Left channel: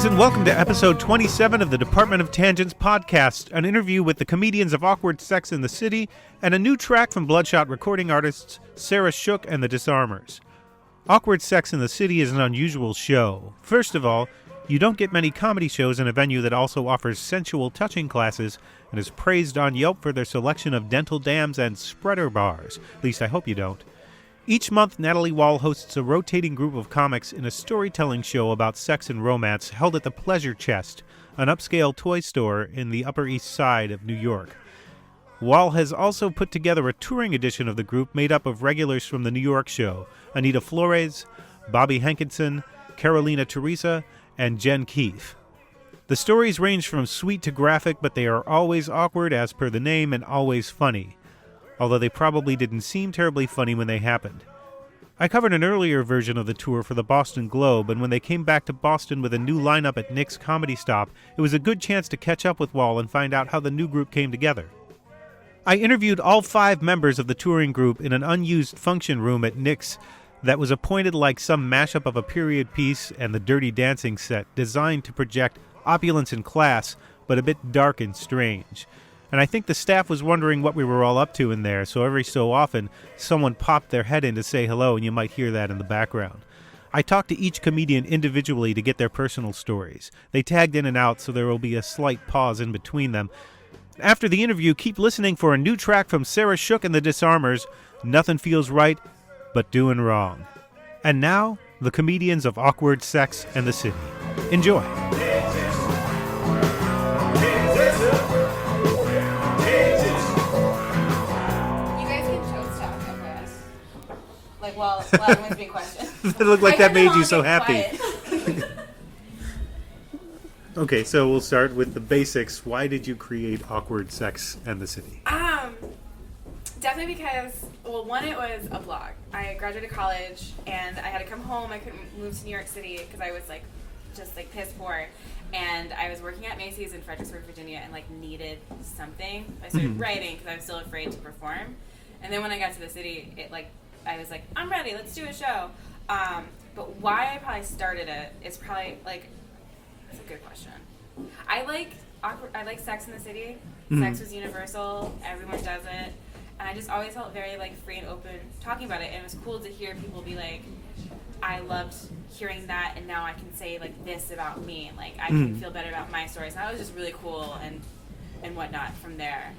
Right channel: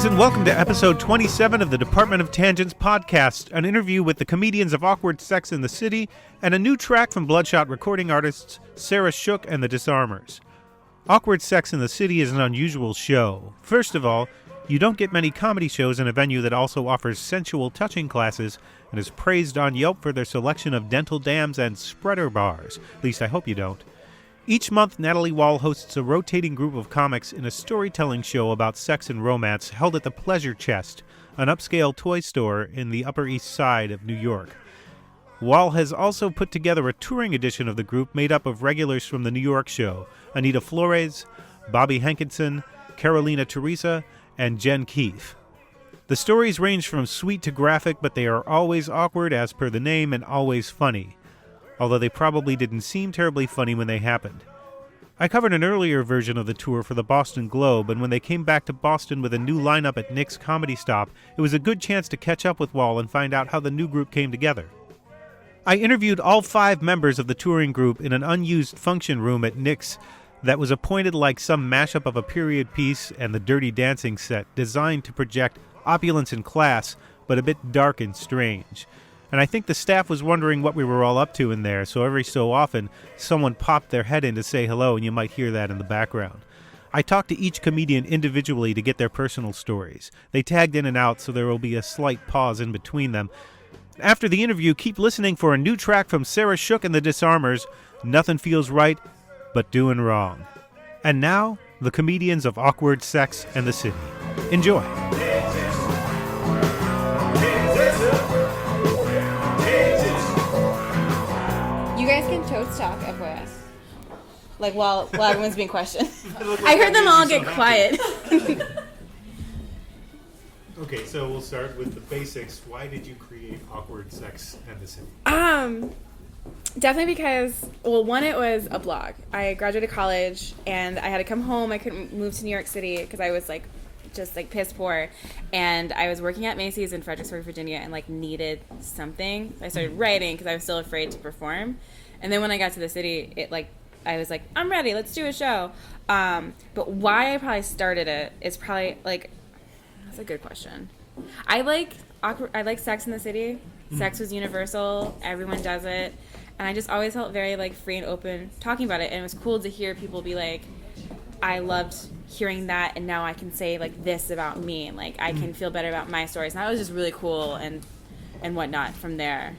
Greetings and welcome to episode 27 of the Department of Tangents podcast, an interview with the comedians of Awkward Sex in the City, and a new track from Bloodshot recording artists Sarah Shook and the Disarmers. Awkward Sex in the City is an unusual show. First of all, you don't get many comedy shows in a venue that also offers sensual touching classes and is praised on Yelp for their selection of dental dams and spreader bars. At least I hope you don't. Each month, Natalie Wall hosts a rotating group of comics in a storytelling show about sex and romance held at the Pleasure Chest, an upscale toy store in the Upper East Side of New York. Wall has also put together a touring edition of the group made up of regulars from the New York show, Anita Flores, Bobby Hankinson, Karolena Theresa, and Jen Keefe. The stories range from sweet to graphic, but they are always awkward as per the name and always funny, although they probably didn't seem terribly funny when they happened. I covered an earlier version of the tour for the Boston Globe, and when they came back to Boston with a new lineup at Nick's Comedy Stop, it was a good chance to catch up with Wall and find out how the new group came together. I interviewed all 5 members of the touring group in an unused function room at Nick's that was appointed like some mashup of a period piece and the Dirty Dancing set, designed to project opulence and class, but a bit dark and strange. And I think the staff was wondering what we were all up to in there, so every so often, someone popped their head in to say hello, and you might hear that in the background. I talked to each comedian individually to get their personal stories. They tagged in and out, so there will be a slight pause in between them. After the interview, keep listening for a new track from Sarah Shook and the Disarmers, Nothing Feels Right But Doing Wrong. And now, the comedians of Awkward Sex and the City. Enjoy. Like while everyone's being questioned. It looked like that made you so happy. Quiet. Okay, so we'll start with the basics. Why did you create Awkward Sex and the City? Definitely because, well, one, it was a blog. I graduated college and I had to come home. I couldn't move to New York City because I was just piss poor, and I was working at Macy's in Fredericksburg, Virginia, and needed something. I started writing because I was still afraid to perform, and then when I got to the city, I was like, I'm ready, let's do a show. But why I probably started it is probably, that's a good question. I like Sex in the City. Sex was universal. Everyone does it. And I just always felt very, free and open talking about it. And it was cool to hear people be like, I loved hearing that, and now I can say, this about me. And, I can feel better about my stories. And that was just really cool and whatnot from there.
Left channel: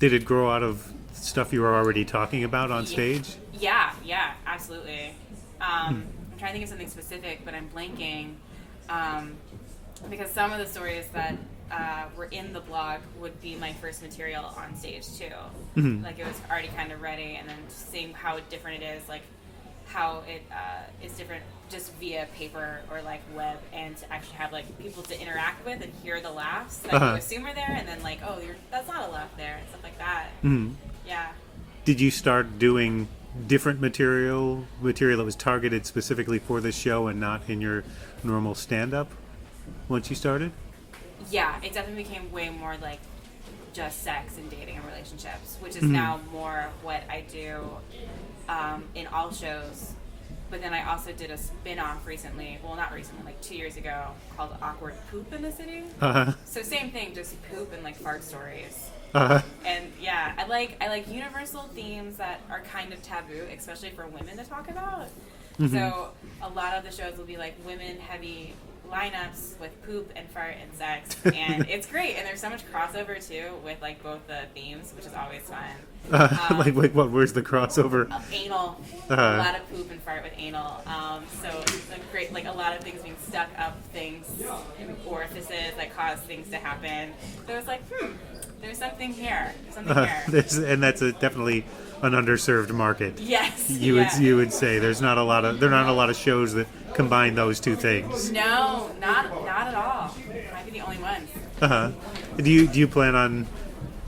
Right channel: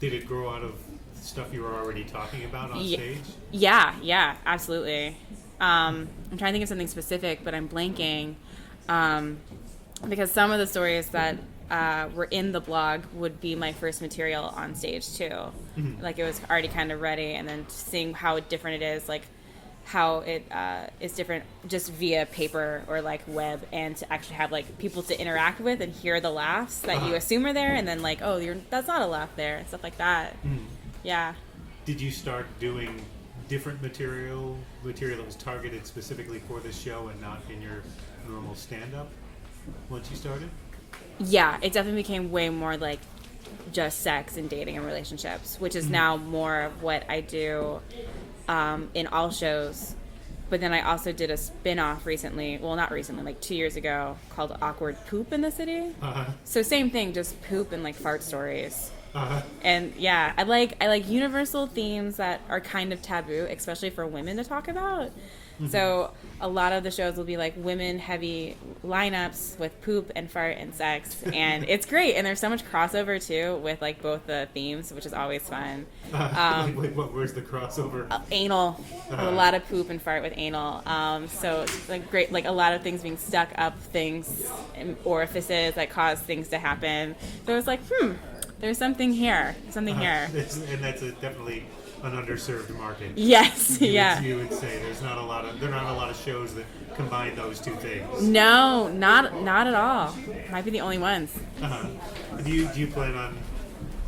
Did it grow out of stuff you were already talking about on stage? Yeah, absolutely. I'm trying to think of something specific, but I'm blanking, because some of the stories that were in the blog would be my first material on stage too. It was already kind of ready, and then seeing how different it is, how it is different just via paper or web, and to actually have people to interact with and hear the laughs that you assume are there, and then that's not a laugh there, and stuff like that. Yeah. Did you start doing different material that was targeted specifically for this show and not in your normal stand-up once you started? Yeah, it definitely became way more just sex and dating and relationships, which is now more of what I do in all shows. But then I also did a spin-off recently, well, not recently, 2 years ago, called Awkward Poop in the City. So same thing, just poop and fart stories. And yeah, I like universal themes that are kind of taboo, especially for women to talk about. So a lot of the shows will be women heavy lineups with poop and fart and sex, and it's great. And there's so much crossover too with both the themes, which is always fun. Where's the crossover? Anal. A lot of poop and fart with anal. So it's great, a lot of things being stuck up things in orifices that cause things to happen. So it's there's something here. And that's definitely an underserved market. Yes. You would say there are not a lot of shows that combine those two things. No, not at all. Might be the only ones. Do you plan on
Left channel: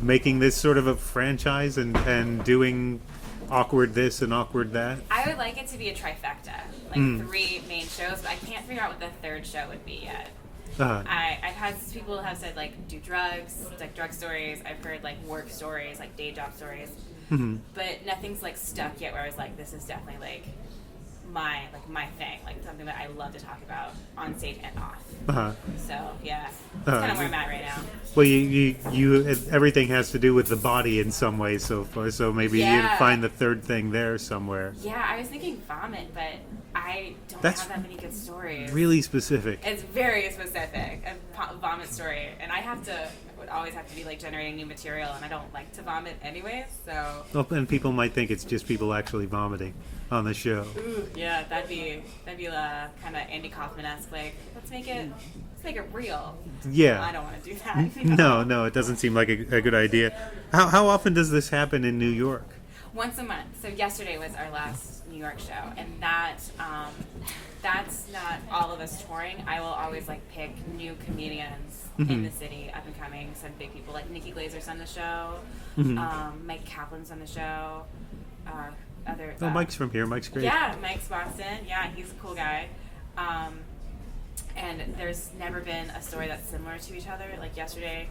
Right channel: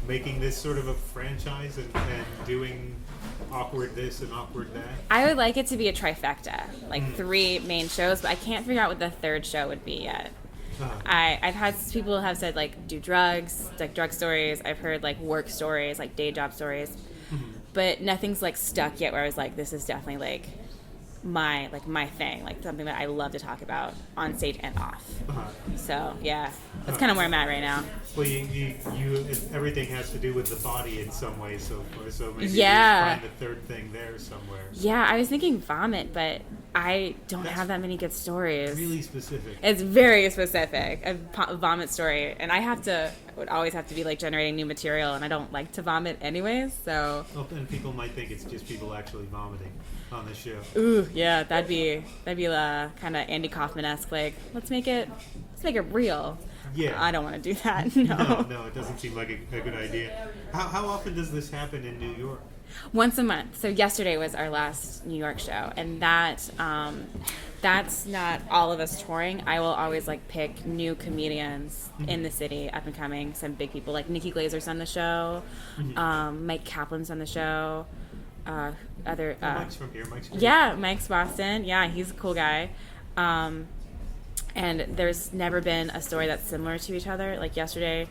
making this sort of a franchise and doing awkward this and awkward that? I would like it to be a trifecta, 3 main shows, but I can't figure out what the third show would be yet. I've had people have said do drugs, drug stories. I've heard work stories, day job stories, but nothing's stuck yet where I was this is definitely my thing, like something that I love to talk about on stage and off. So yeah, that's kind of where I'm at right now. Well, you everything has to do with the body in some way so far. So maybe you find the third thing there somewhere. Yeah, I was thinking vomit, but I don't have that many good stories. Really specific. It's very specific, a vomit story, and I would always have to be like generating new material, and I don't like to vomit anyways. So. Well, and people might think it's just people actually vomiting on the show. Ooh, yeah, that'd be kind of Andy Kaufman-esque. Like, let's make it real. Yeah, I don't want to do that. No, it doesn't seem like a good idea. How often does this happen in New York? Once a month. So yesterday was our last New York show, and that's not all of us touring. I will always like pick new comedians in the city, up and coming, some big people like Nikki Glazer's on the show, Mike Kaplan's on the show. Mike's from here. Mike's great. Yeah, Mike's Boston. Yeah, he's a cool guy. And there's never been a story that's similar to each other. Like yesterday,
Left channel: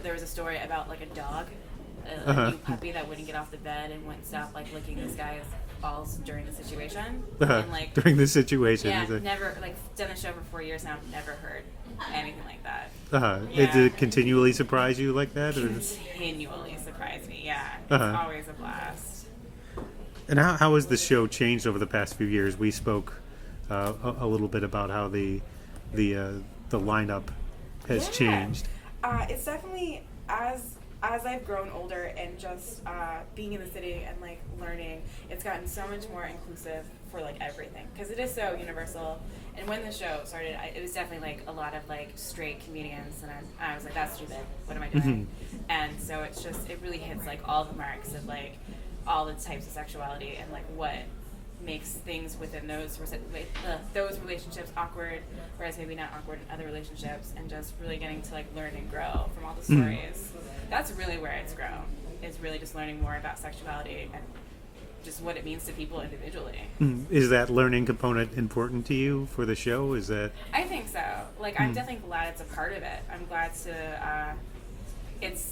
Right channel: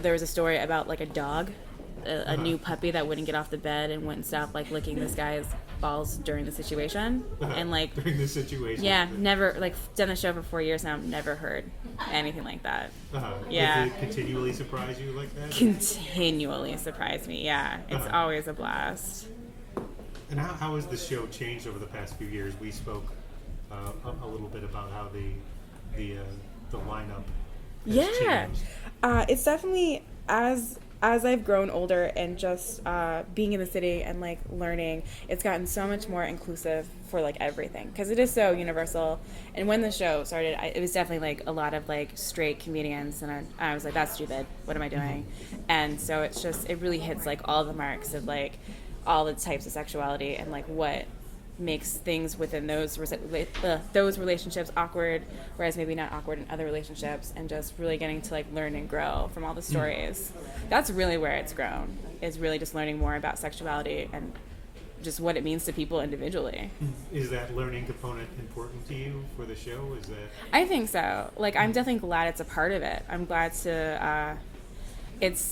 there was a story about like a dog, a new puppy that wouldn't get off the bed and wouldn't stop like licking this guy's balls during the situation. And like during the situation. Yeah, never like done the show for 4 years now. Never heard anything like that. Yeah. Did it continually surprise you like that? Continually surprise me. Yeah, it's always a blast. And how has the show changed over the past few years? We spoke a little bit about how the lineup has changed. It's definitely as I've grown older and just being in the city and like learning, it's gotten so much more inclusive for like everything because it is so universal. And when the show started, it was definitely like a lot of like straight comedians, and I was like, that's stupid. What am I doing? And so it really hits like all the marks of like all the types of sexuality and like what makes things within those relationships awkward, whereas maybe not awkward in other relationships, and just really getting to like learn and grow from all the stories. That's really where it's grown, is really just learning more about sexuality and just what it means to people individually. Is that learning component important to you for the show? Is that? I think so. Like I'm definitely glad it's a part of it. I'm glad to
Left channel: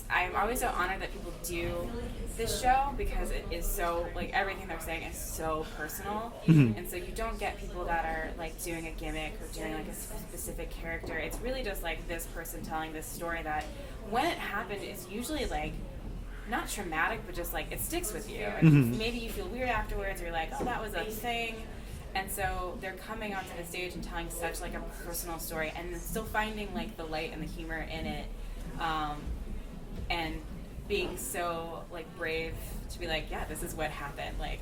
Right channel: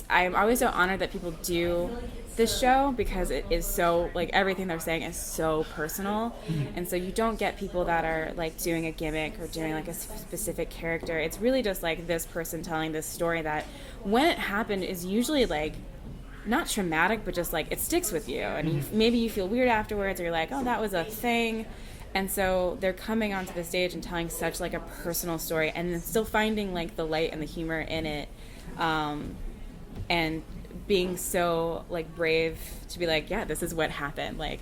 I'm always so honored that people do this show because it is so, like, everything they're saying is so personal. And so you don't get people that are, like, doing a gimmick or doing, like, a specific character. It's really just, like, this person telling this story that, when it happened, is usually, like, not traumatic, but just, like, it sticks with you. And maybe you feel weird afterwards, or you're like, oh, that was a thing. And so they're coming onto the stage and telling such, like, a personal story, and then still finding, like, the light and the humor in it. And being so like brave to be like, yeah, this is what happened. Like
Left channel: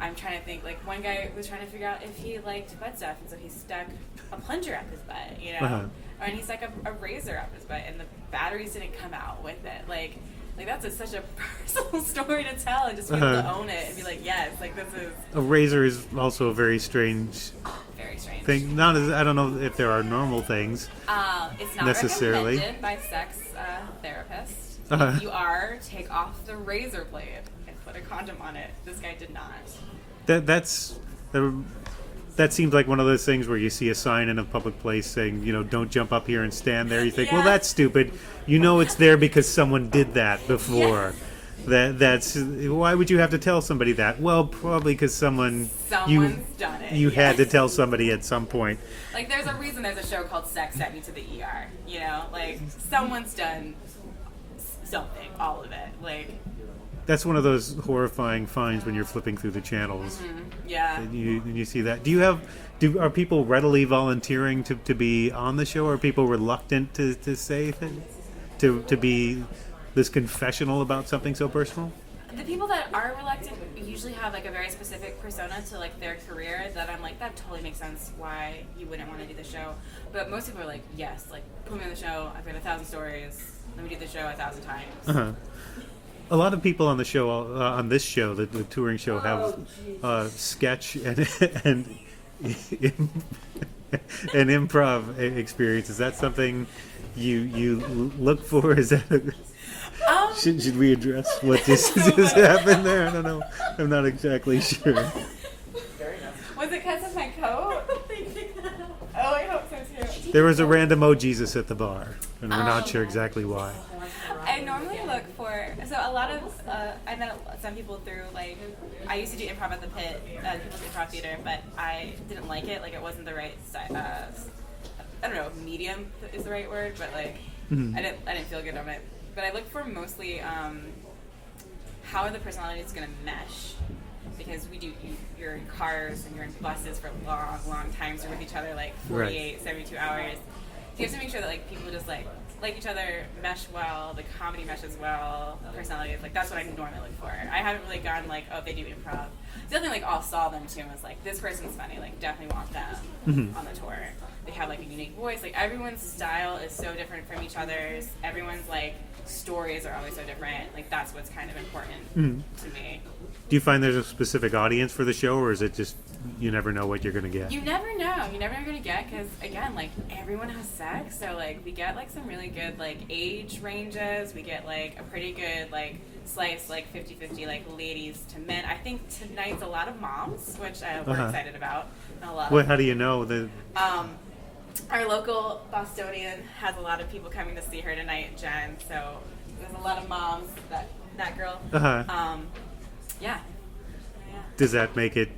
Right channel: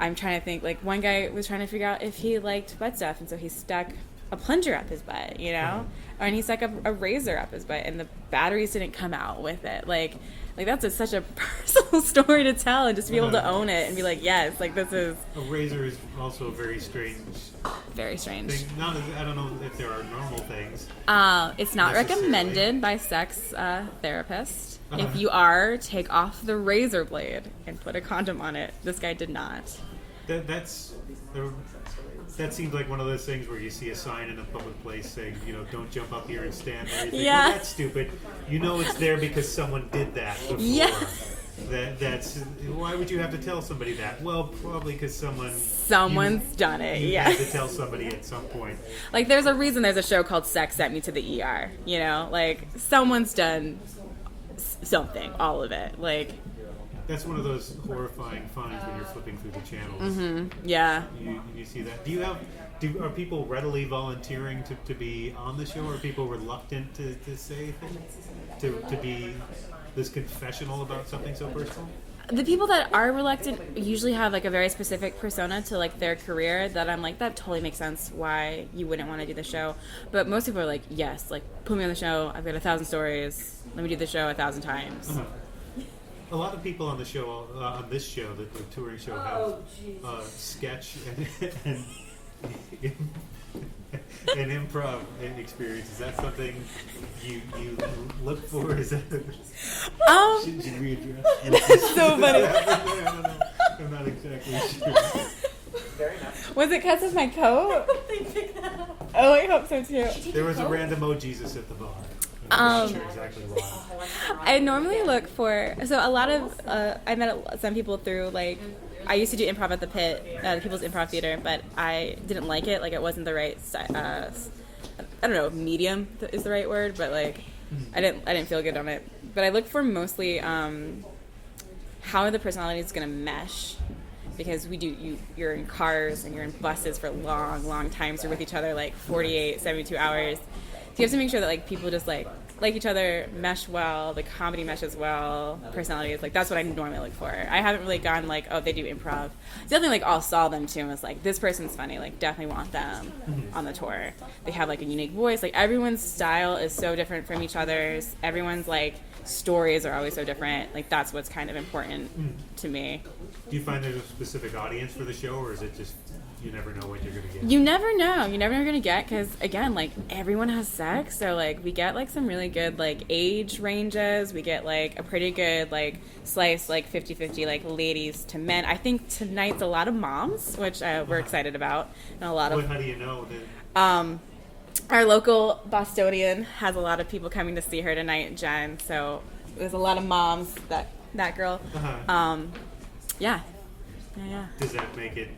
I'm trying to think, like one guy was trying to figure out if he liked butt stuff, and so he stuck a plunger up his butt, you know, and he stuck a razor up his butt, and the batteries didn't come out with it. Like that's such a personal story to tell, and just be able to own it and be like, yes, like this is a razor is also a very strange thing. Not as, I don't know if there are normal things. It's not recommended by sex therapists. If you are, take off the razor blade and put a condom on it. This guy did not. That seems like one of those things where you see a sign in a public place saying, you know, don't jump up here and stand there. You think, well, that's stupid. You know it's there because someone did that before. That's why would you have to tell somebody that? Well, probably because someone's done it. You had to tell somebody at some point. Like there's a reason there's a show called Sex Sent Me to the ER. You know, like someone's done something, all of it. Like that's one of those horrifying finds when you're flipping through the channels. Yeah. You see that. Are people readily volunteering to be on the show, or are people reluctant to say things? To be this confessional about something so personal? The people that are reluctant usually have like a very specific persona to like their career that I'm like, that totally makes sense why you wouldn't want to do the show. But most people are like, yes, like put me on the show. I've got 1,000 stories. Let me do the show 1,000 times. A lot of people on the show, on this show, the touring show, have sketch and an improv experience. Is that something you look for? Is that should we address what this happened there? I don't know. I'm not exactly sure. Was it because of my coat? Oh, I hope so too. There was a random Jesus at the bar. and I'm not sure exactly why. I normally look for, so a lot of, I met some people through, like, I used to do improv at the Pit, People's Improv Theater, but I didn't like it. Like, it wasn't the right, I don't know, medium is the right word, but, like, I didn't feel good on it. But I look for mostly how are the personalities going to mesh, because you're in cars and you're in buses for long times. You're with each other like 48, right. 72 hours. So you have to make sure that like people just like each other, mesh well, the comedy meshes well, personalities. Like that's what I normally look for. I haven't really gone like, oh, they do improv. Definitely like all saw them too and was like, this person's funny. Like definitely want them on the tour. They have like a unique voice. Like everyone's style is so different from each other's. Everyone's like stories are always so different. Like that's what's kind of important to me. Do you find there's a specific audience for the show, or is it just you never know what you're going to get? You never know. You never know what you're going to get, because again, like everyone has sex, so like we get like some really good like age ranges. We get like a pretty good like slice, like 50-50, like ladies to men. I think tonight's a lot of moms, which we're excited about, and a lot of. How do you know that? Our local Bostonian has a lot of people coming to see her tonight, Jen. So there's a lot of moms. That girl. Yeah. Does that make it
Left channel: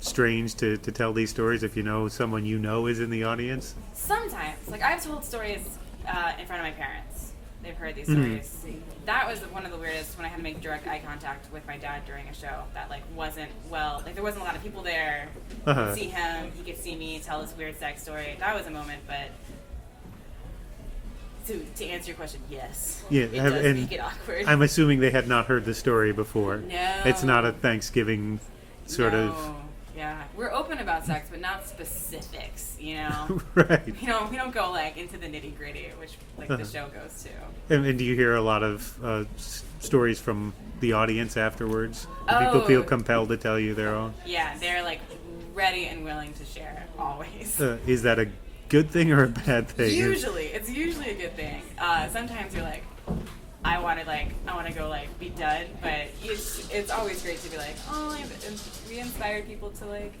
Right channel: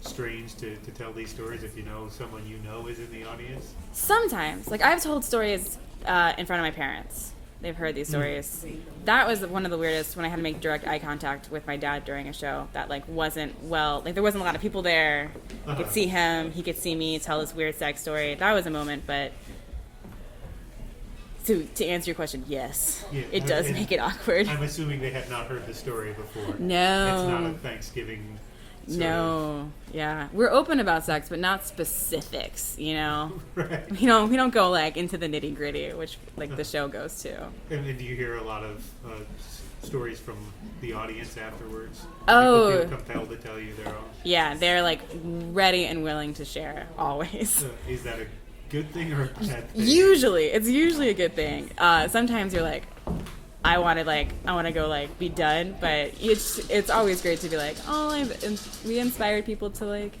strange to tell these stories if you know someone you know is in the audience? Sometimes. Like, I've told stories in front of my parents. They've heard these stories. That was one of the weirdest, when I had to make direct eye contact with my dad during a show that, like, wasn't well. Like, there wasn't a lot of people there. I could see him. He could see me tell this weird sex story. That was a moment, but... To answer your question, yes. Yeah, it does make it awkward. I'm assuming they had not heard the story before. No. It's not a Thanksgiving sort of... Yeah. We're open about sex, but not specifics, you know? Right. We don't go, like, into the nitty-gritty, which, like, the show goes to. And do you hear a lot of stories from the audience afterwards? Do people feel compelled to tell you their own? Yeah, they're, like, ready and willing to share, always. Is that a good thing or a bad thing? It's usually a good thing. Sometimes you're like, I want to go like be done, but it's always great to be like, oh, we inspired people to like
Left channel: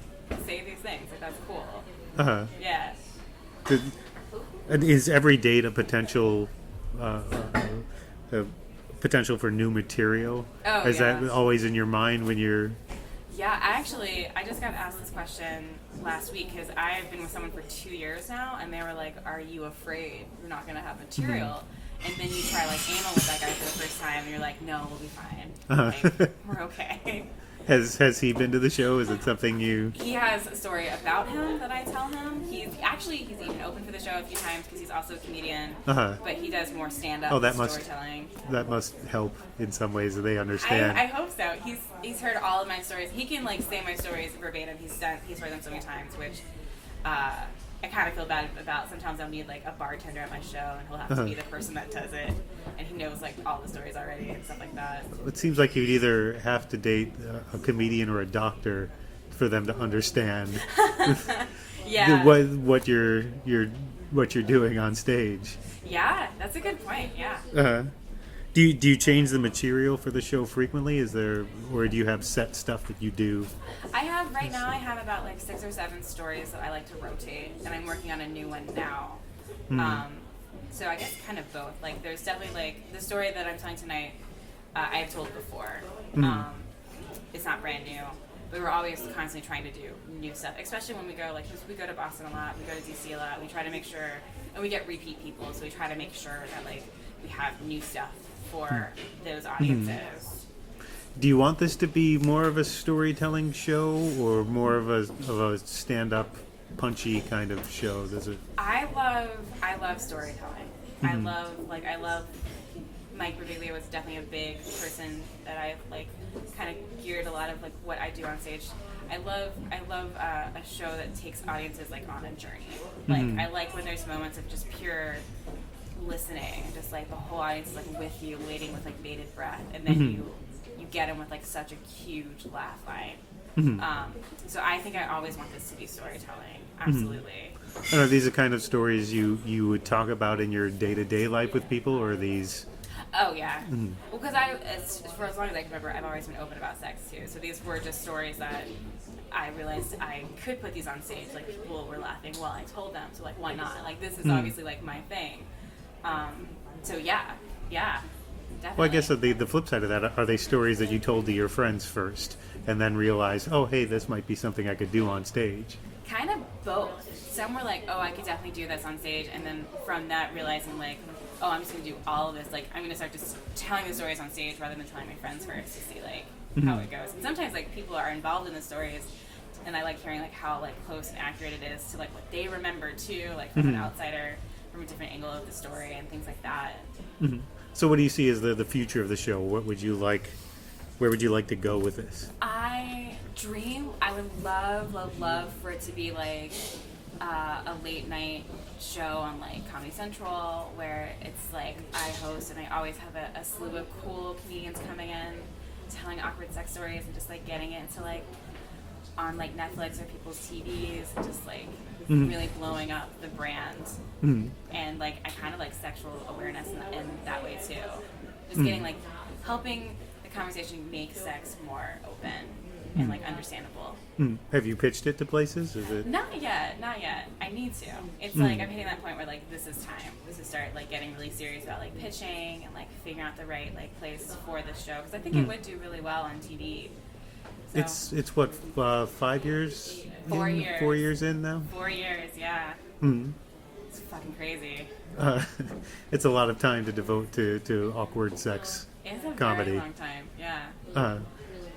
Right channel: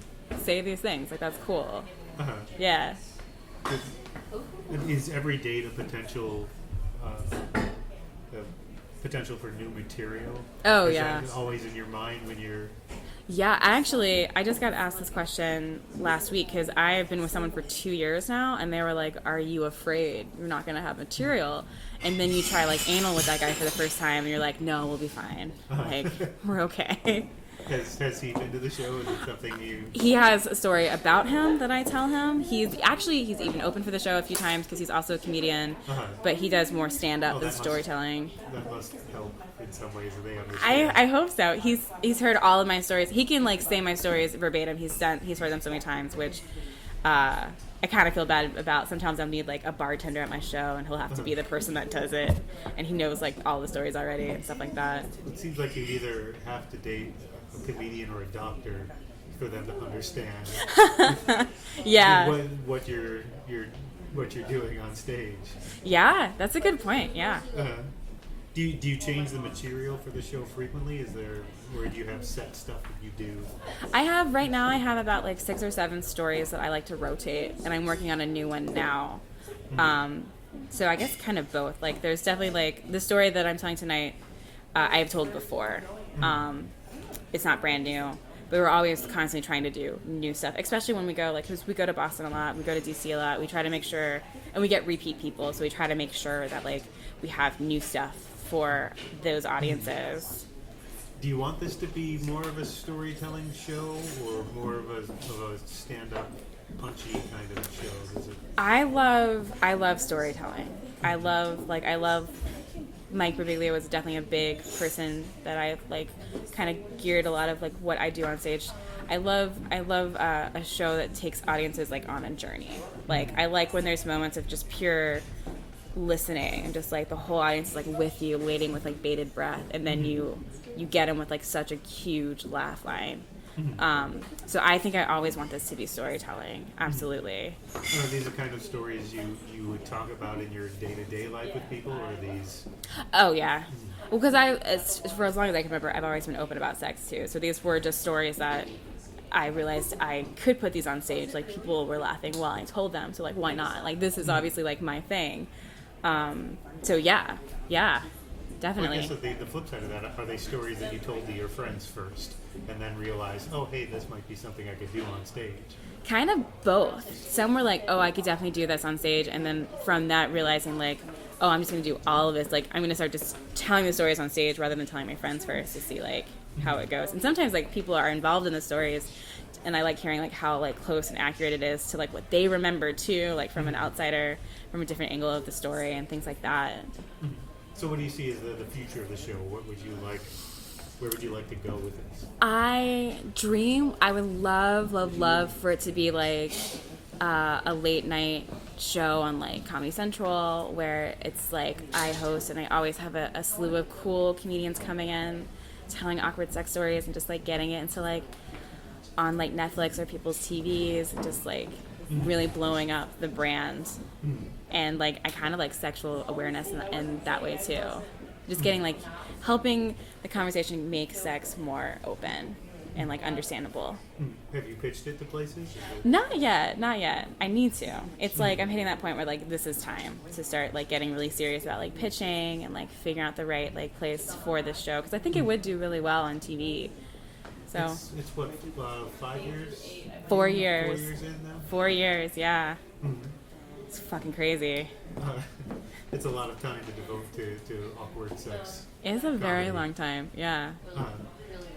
say these things. Like that's cool. Yeah. Is every date a potential for new material? Oh, is yeah. that always in your mind when you're? Yeah, I just got asked this question last week because I have been with someone for 2 years now, and they were like, are you afraid you're not going to have material? And then you try like anal with that guy for the first time, and you're like, no, we'll be fine. Like, we're okay. Has he been to the show? Is it something you... He has a story about him that I tell him. He's even open for the show a few times because he's also a comedian. But he does more stand-up and storytelling. That must help in some ways that they understand. I hope so. He's heard all of my stories. He can like say my stories verbatim. He's heard them so many times, which I kind of feel bad about. Sometimes I'll need like a bartender at my show, and he'll have to be the person that does it, and he knows like all the stories already and stuff like that. It seems like you'd either have to date a comedian or a doctor for them to understand yeah what you're doing on stage. Yeah, that's a good point. Yeah. Do you change the material for the show frequently? Or do you have set stuff that you do? I have about like 6 or 7 stories that I like to rotate, and I'm working on a new one now. So I guess kind of both. Like there's definitely like the story that I'm telling tonight, I have told before. It's not brand new, but we're always constantly trying to do new stuff, especially when we go because we go to Boston a lot, we go to DC a lot. We try to make sure, and we get repeat people, so we try to make sure that like we have new stuff for those audiences. Do you want this to be more of a storytelling show or more of a stand-up punchy kind of show? I love storytelling. I love Mike Birbiglia was definitely a big person that I like kind of geared a lot of like what I do on stage. I love a show that takes audiences like on a journey. Like I like when there's moments of just pure listening and just like the whole audience is like with you, waiting with like bated breath, and then you get them with like such a huge laugh line. So I think I always want this to be storytelling. Absolutely. And are these the kind of stories you would talk about in your day-to-day life with people, or are these? Oh yeah. Well, because for as long as I can remember, I've always been open about sex too. So these were just stories that I realized I could put these on stage. Like, people were laughing while I told them, so like, why not? Like, this is obviously like my thing. So yeah, definitely. Well, I guess the flip side of that, are they stories that you told to your friends first and then realized, oh, hey, this might be something I could do on stage? Kind of both. Some were like, oh, I could definitely do this on stage, and then from that realizing like, oh, I'm just going to do all of this. Like, I'm going to start just telling the stories on stage rather than telling my friends first to see like how it goes. And sometimes like people are involved in the stories, and I like hearing like how like close and accurate it is to like what they remember too, like from an outsider, from a different angle of the story and things like that. So what do you see as the future of the show? What would you like? Where would you like to go with this? I would love for it to be like a late night show on like Comedy Central, where it's like I host and I always have a slew of cool comedians coming in, telling awkward sex stories and just like getting it into like on like Netflix or people's TVs and just like really blowing up the brand. And like I kind of like sexual awareness in that way too. Just getting like helping the conversation make sex more open and like understandable. Have you pitched it to places? Is it... Not yet. I need to. It's like I'm hitting that point where like this is time to start like getting really serious about like pitching and like figuring out the right like place for this show, because I think it would do really well on TV. So It's what 5 years? 4 years. 4 years in now. 4 years, yeah. It's fucking crazy. It's a lot of time to devote to awkward sex. It's a comedy. very long time, yeah.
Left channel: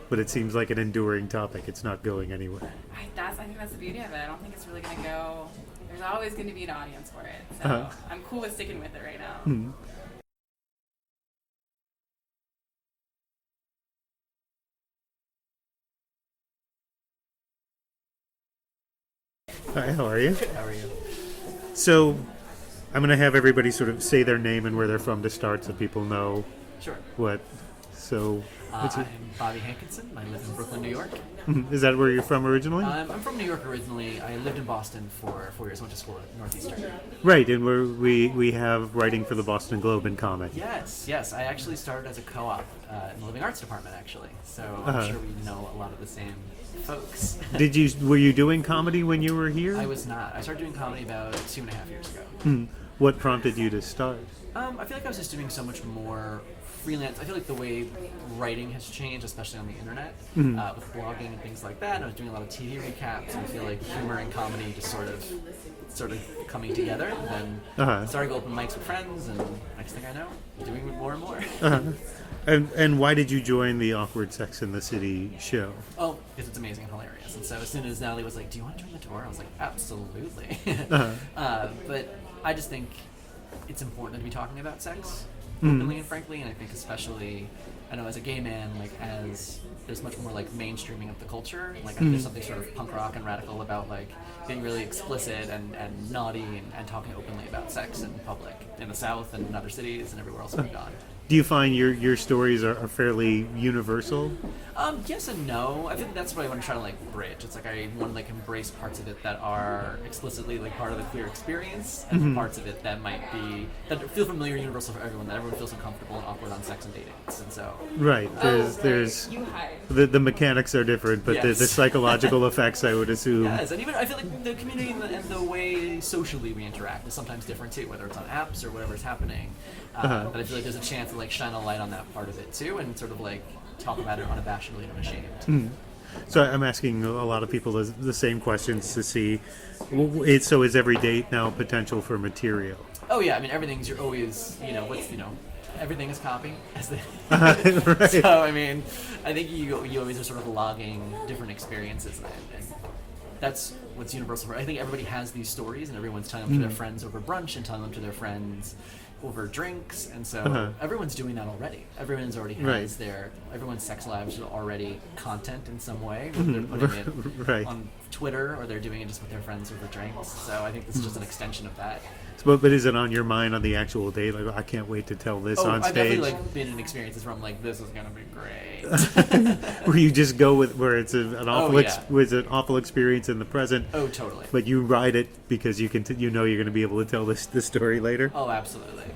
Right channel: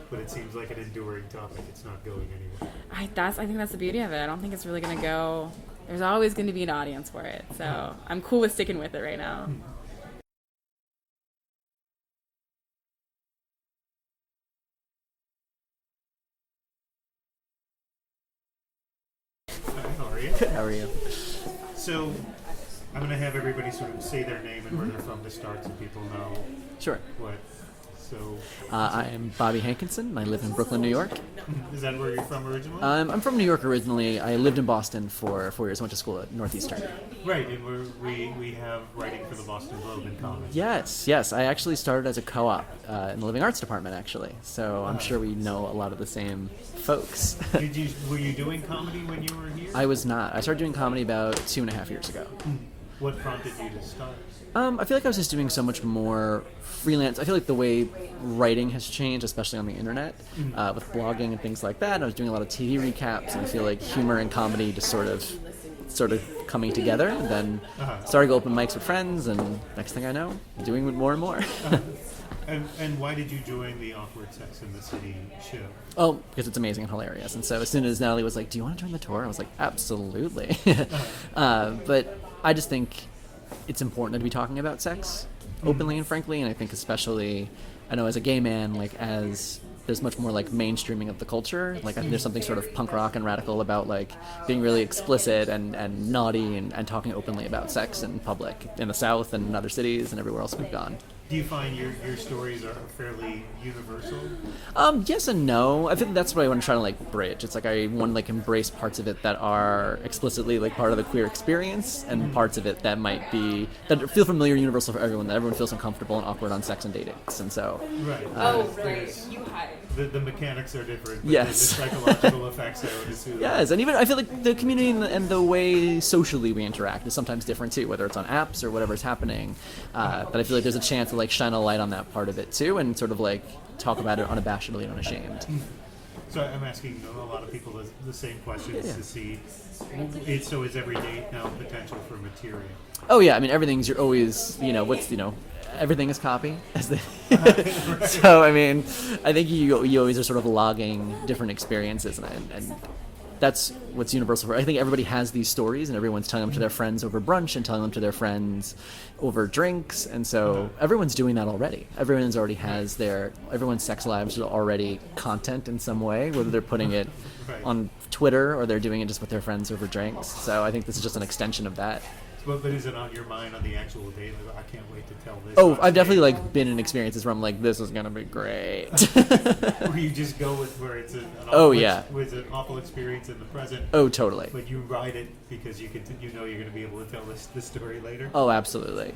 But it seems like an enduring topic. It's not going anywhere. I think that's the beauty of it. I don't think it's really gonna go. There's always going to be an audience for it, so I'm cool with sticking with it right now. Hi, how are you? How are you? So, I'm going to have everybody sort of say their name and where they're from to start, so people know Sure. what. So, I am Bobby Hankinson. I live in Brooklyn, New York. is that where you're from originally? I'm from New York originally. I lived in Boston for 4 years. I went to school at Northeastern. Right, and we have writing for the Boston Globe in comic. Yes. I actually started as a co-op in the Living Arts department, actually. So I'm sure we know a lot of the same folks. Were you doing comedy when you were here? I was not. I started doing comedy about 2.5 years ago. What prompted you to start? I feel like I was just doing so much more freelance. I feel like the way writing has changed, especially on the internet, with blogging and things like that. And I was doing a lot of TV recaps, and I feel like humor and comedy just sort of coming together. And then starting open mics with friends, and next thing I know, doing it more and more. And why did you join the Awkward Sex in the City show? Oh, because it's amazing and hilarious. And so as soon as Natalie was like, "Do you want to join the tour?" I was like, "Absolutely." But I just think it's important to be talking about sex openly and frankly, and I think especially, I know as a gay man, like as there's much more like mainstreaming of the culture, like there's something sort of punk rock and radical about like being really explicit and naughty and talking openly about sex in public in the South and in other cities and everywhere else we've gone. Do you find your stories are fairly universal? Yes and no. I think that's what I want to try to like bridge. It's like I want to like embrace parts of it that are explicitly like part of the queer experience, and parts of it that might be that feel familiar, universal for everyone. That everyone feels uncomfortable and awkward on sex and datings, and so right. There's you hide. the mechanics are different, but there's the psychological effects, I would assume. Yes, and even I feel like the community and the way socially we interact is sometimes different too, whether it's on apps or whatever's happening. But I feel like there's a chance to like shine a light on that part of it too, and sort of like talk about it unabashedly and unashamed. So I'm asking a lot of people the same questions to see. So is every date now potential for material? Oh yeah, I mean everything's you're always everything is copy. As they Right. So I mean, I think you always are sort of logging different experiences, and that's what's universal. I think everybody has these stories, and everyone's telling them to their friends over brunch and telling them to their friends over drinks, and so everyone's doing that already. Everyone's already has everyone's sex lives are already content in some way, whether they're putting it on Twitter or they're doing it just with their friends over drinks. So I think this is just an extension of that. But is it on your mind on the actual date? Like, I can't wait to tell this. Oh, on I've definitely stage. like been in experiences where I'm like, this is gonna be great. Where you just go with where it's an awful experience in the present. Oh, totally. But you ride it because you know you're going to be able to tell this story later. Oh, absolutely.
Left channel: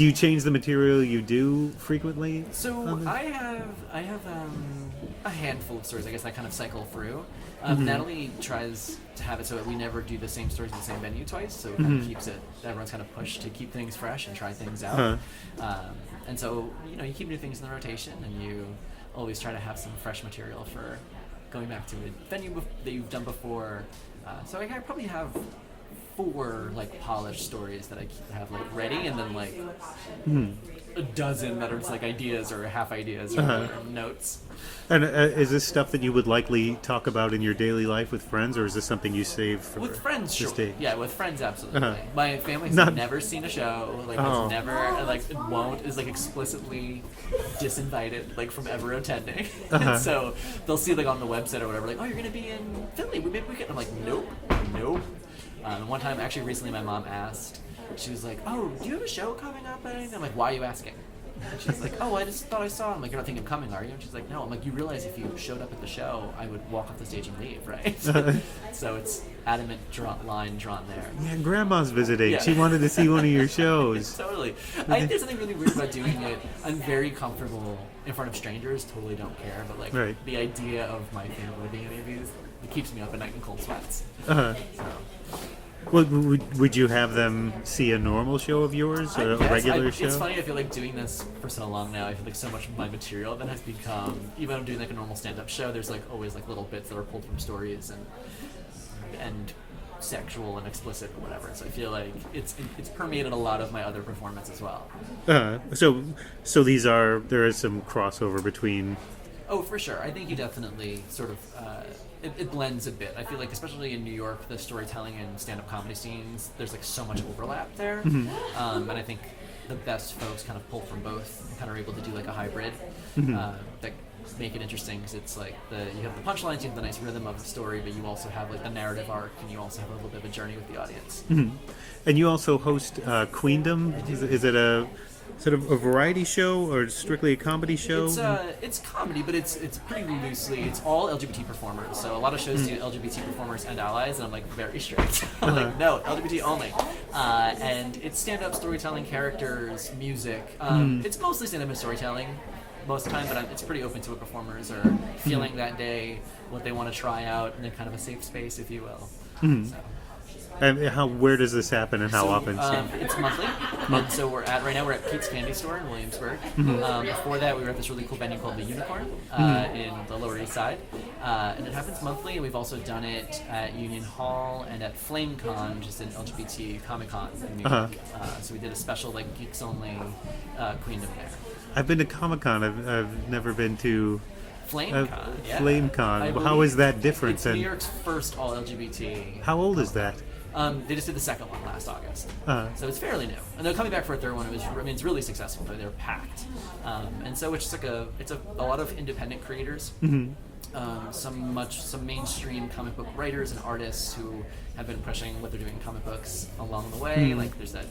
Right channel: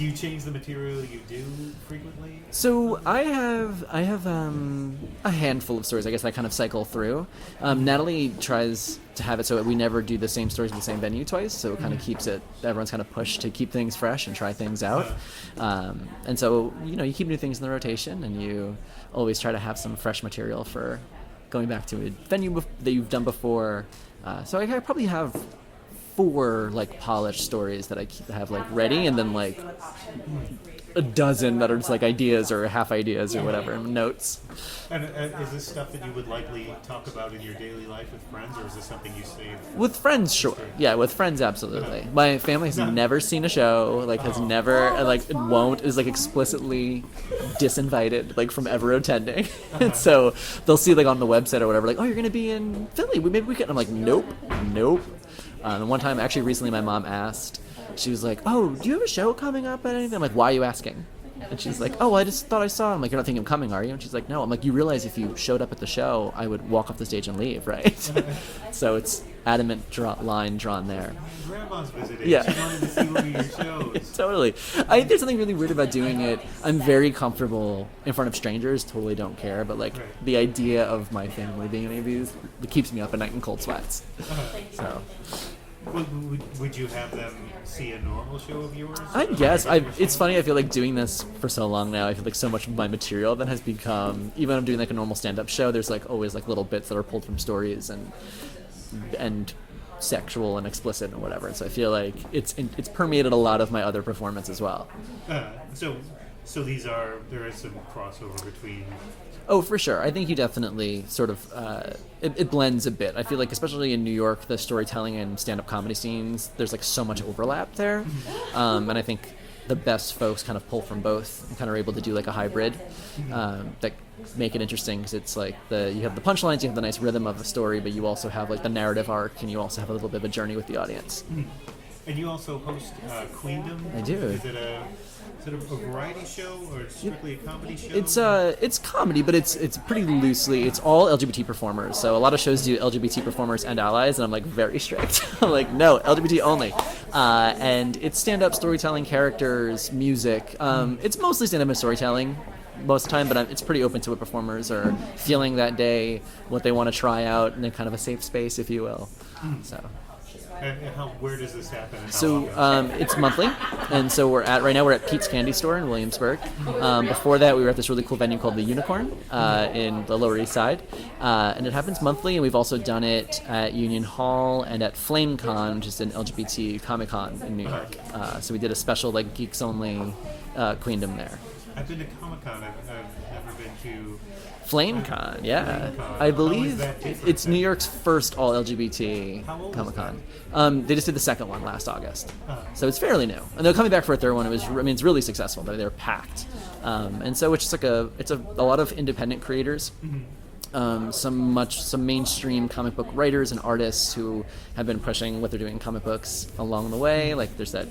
Do you change the material you do frequently? So I have a handful of stories, I guess, I kind of cycle through. Natalie tries to have it so that we never do the same stories in the same venue twice, so it kind of keeps it, everyone's kind of pushed to keep things fresh and try things out. And so, you keep new things in the rotation, and you always try to have some fresh material for going back to a venue that you've done before. So I probably have 4 like polished stories that I have like ready, and then like a dozen that are just like ideas or half ideas or whatever, notes. And is this stuff that you would likely talk about in your daily life with friends, or is this something you save for With friends, sure. stage? Yeah, with friends, absolutely. My family has never seen a show, like has never, and like it won't, is like explicitly disinvited, like from ever attending. And so they'll see like on the website or whatever, like, oh, you're gonna be in Philly, maybe we can. I'm like, nope. And one time, actually, recently, my mom asked. She was like, "Oh, do you have a show coming up at anything?" I'm like, "Why are you asking?" And she's like, "Oh, I just thought I saw it." I'm like, "You're not thinking of coming, are you?" And she's like, "No." I'm like, "You realize if you showed up at the show, I would walk off the stage and leave, right?" So it's adamant line drawn there. Man, Grandma's visiting. Yeah. She wanted to see one of your shows. Totally. I think there's something really weird about doing it. I'm very comfortable in front of strangers. Totally don't care. But like the idea of my family being in any of these, it keeps me up at night in cold sweats. So. Well, would you have them see a normal show of yours? I a guess. regular show? It's funny, I feel like doing this for so long now, I feel like so much of my material then has become, even when I'm doing like a normal stand-up show, there's like always like little bits that are pulled from stories and sexual and explicit and whatever. So I feel like it's permeated a lot of my other performance as well. So there is some crossover between... Oh, for sure. I think you definitely sort of, it blends a bit. I feel like, especially in New York, the storytelling and stand-up comedy scenes, there's like so much overlap there. And I think the best folks kind of pull from both and kind of are able to do like a hybrid that make it interesting, because it's like you have the punchlines, you have the nice rhythm of the story, but you also have like the narrative arc, and you also have a little bit of a journey with the audience. And you also host Queendom. I do. Is it a sort of a variety show or strictly a comedy show? It's comedy, but it's pretty loosely. It's all LGBT performers. So a lot of shows do LGBT performers and allies, and I'm like very strict. I'm like, no, LGBT only. And it's stand-up storytelling, characters, music. It's mostly stand-up and storytelling most of the time, but it's pretty open to what performers are feeling that day, what they want to try out in a kind of a safe space, if you will. So. And where does this happen, and how often? It's monthly, and so right now we're at Pete's Candy Store in Williamsburg. Before that, we were at this really cool venue called the Unicorn in the Lower East Side, and it happens monthly. And we've also done it at Union Hall and at FlameCon, which is an LGBT Comic-Con in New York. So we did a special like geeks only Queendom there. I've been to Comic-Con. I've never been to FlameCon, yeah. FlameCon. I believe how is that different? It's New York's first all LGBT. How old Comic-Con. is that? They just did the second one last August, so it's fairly new. And they're coming back for a third one. It's really successful. They're packed, and so it's just like a lot of independent creators. Some mainstream comic book writers and artists who have been pushing what they're doing in comic books along the way. Like there's that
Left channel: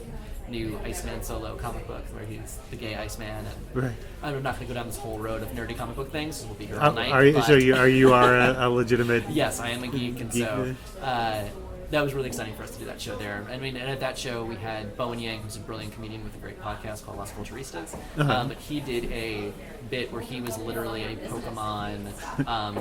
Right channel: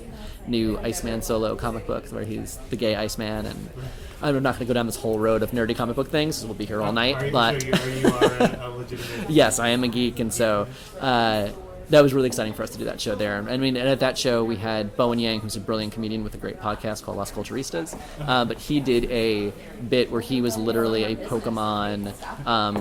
new Iceman solo comic book where he's the gay Iceman, and I'm not going to go down this whole road of nerdy comic book things. We'll be here all night. Are you a legitimate? Yes, I am a geek, and so. That was really exciting for us to do that show there. I mean, and at that show we had Bowen Yang, who's a brilliant comedian with a great podcast called Las Culturistas. But he did a bit where he was literally a Pokemon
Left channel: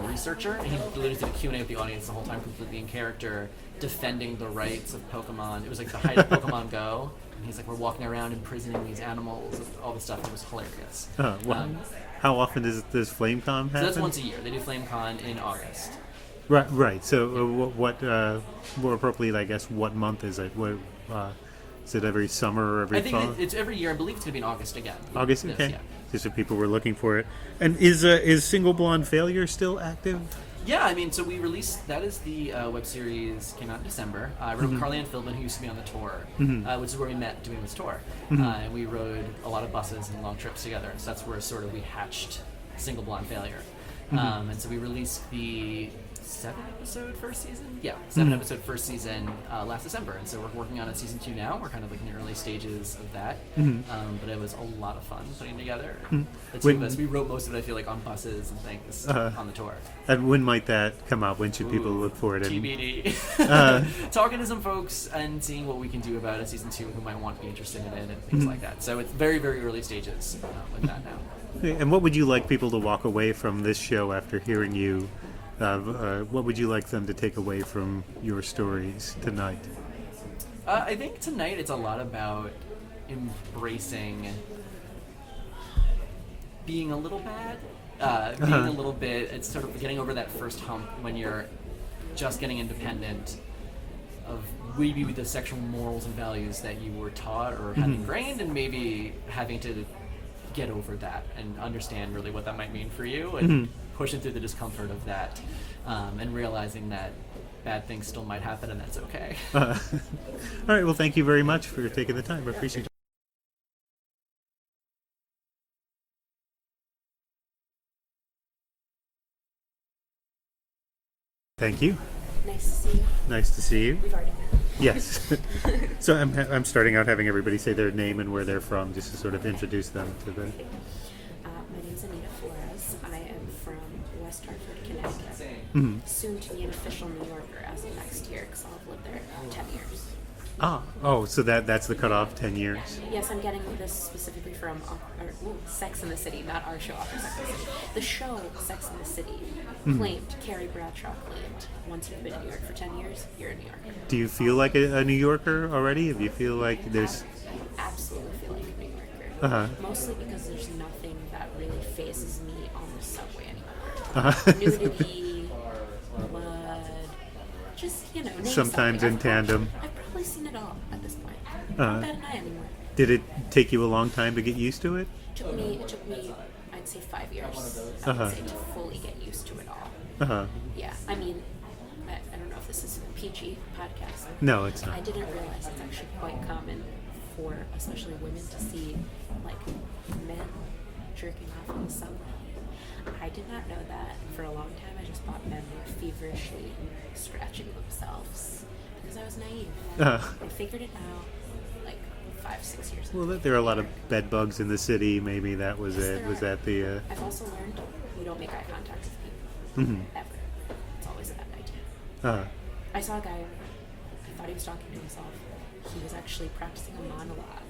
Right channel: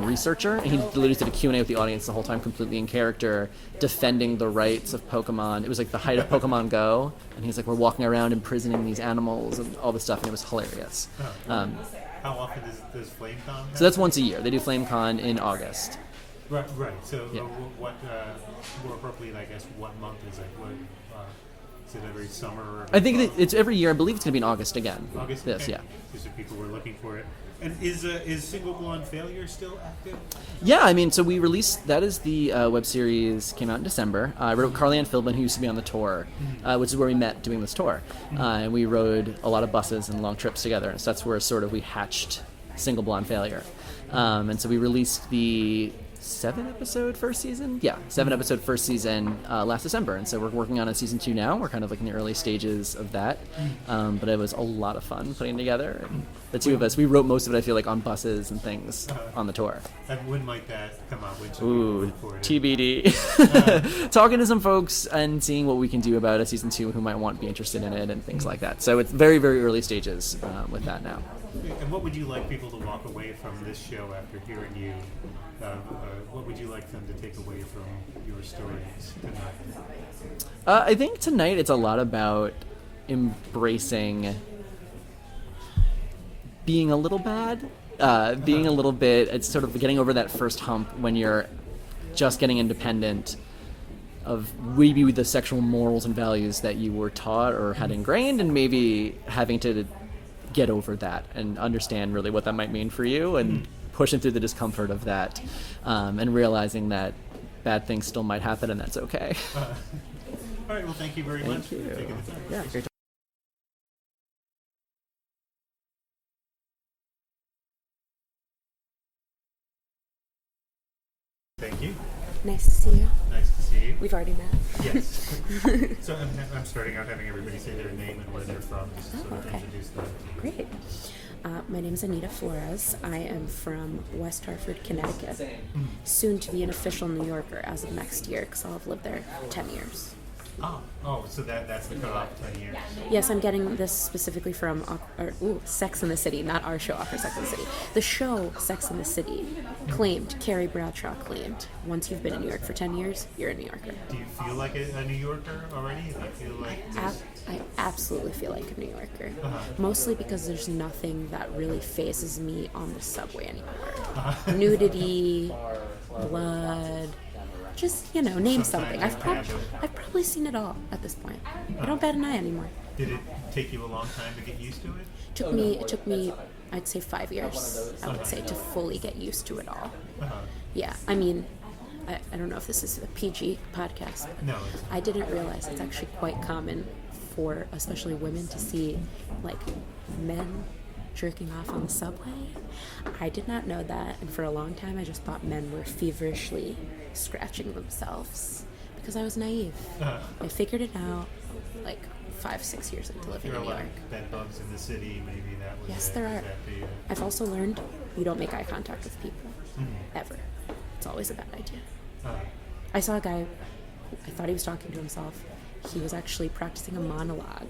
researcher, and he literally did a Q&A with the audience the whole time, completely in character, defending the rights of Pokemon. It was like the height of Pokemon Go, and he's like, we're walking around imprisoning these animals and all this stuff, and it was hilarious. How often does FlameCon happen? So that's once a year. They do FlameCon in August. Right. So, what more appropriately, I guess, what month is it? What is it? Every summer or every? I think fall? it's every year. I believe it's going to be in August again. August, okay. Yes, yeah. Just if people were looking for it. And is Single Blonde Failure still active? Yeah, I mean, so we released, that is the web series, came out in December. I wrote Carly Ann Philbin, who used to be on the tour, which is where we met doing this tour. And we rode a lot of buses and long trips together, and so that's where sort of we hatched Single Blonde Failure. And so we released the 7-episode first season. Yeah, 7-episode first season last December, and so we're working on a season 2 now. We're kind of like in the early stages of that, but it was a lot of fun putting together. The two of us, we wrote most of it, I feel like, on buses and things on the tour. And when might that come out? When should people look for it? TBD. Talking to some folks and seeing what we can do about a season 2 who might want to be interested in it and things like that. So it's very, very early stages with that now. And what would you like people to walk away from this show after hearing you? What would you like them to take away from your stories tonight? I think tonight it's a lot about embracing being a little bad, being a little bit, it's sort of getting over that first hump when you're just getting independent of maybe the sexual morals and values that you were taught or had ingrained, and maybe having to get over that and understand really what that might mean for you, and pushing through the discomfort of that, and realizing that bad things still might happen and that's okay. All right, well, thank you very much for taking the time. I appreciate it. Thank you. Nice to see you. Nice to see you. We've already met. Yes. So I'm starting out having everybody say their name and where they're from, just to sort of introduce them to the... Great. My name's Anita Flores. I am from West Hartford, Connecticut. Soon to be an official New Yorker as of next year, because I'll have lived there 10 years. Oh, so that's the cutoff, 10 years. Yes, I'm getting this specifically from Sex and the City, not our show, Awkward Sex and the City. The show Sex and the City claimed, Carrie Bradshaw claimed, once you've been in New York for 10 years, you're a New Yorker. Do you feel like a New Yorker already? Do you feel like there's... I absolutely feel like a New Yorker. Mostly because there's nothing that really phases me on the subway anymore. Nudity, blood... Just, name sometimes something. in tandem. I've probably seen it all at this point. I don't bat an eye anymore. Did it take you a long time to get used to it? It took me, I'd say 5 years, I would say, to fully get used to it all. Yeah, I mean, I don't know if this is a PG podcast. No, it's not. I didn't realize it's actually quite common for, especially women, to see, like, men jerking off on the subway. I did not know that, and for a long time I just thought men were feverishly scratching themselves because I was naive. I figured it out like 5-6 years ago. Well, there are a lot of bed bugs in the city. Maybe that was it. Was that the... I've also learned you don't make eye contact with people ever. It's always a bad idea. I saw a guy, I thought he was talking to himself. He was actually practicing a monologue,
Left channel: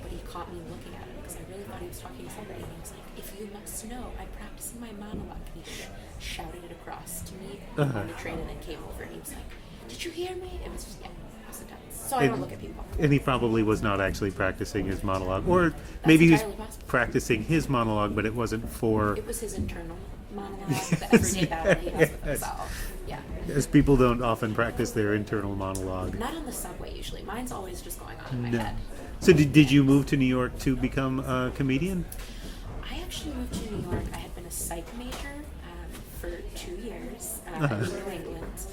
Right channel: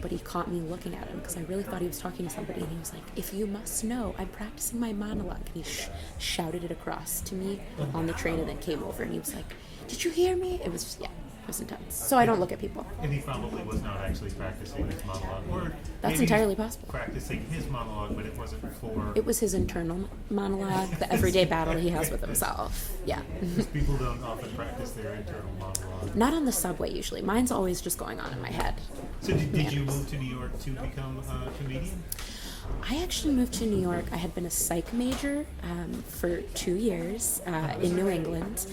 but he caught me looking at him because I really thought he was talking to somebody, and he was like, "If you must know, I'm practicing my monologue." And he shouted it across to me on the train, and then came over and he was like, "Did you hear me?" It was just, it was intense. So I don't look at people. And he probably was not actually practicing his monologue, or That's maybe he entirely was possible. practicing his monologue, but it wasn't for... It was his internal monologue, the everyday battle he has with himself. Yeah. Because people don't often practice their internal monologue. Not on the subway usually. Mine's always just going on in my head. So did you move to New York to become a comedian? I actually moved to New York. I had been a psych major for 2 years in New England.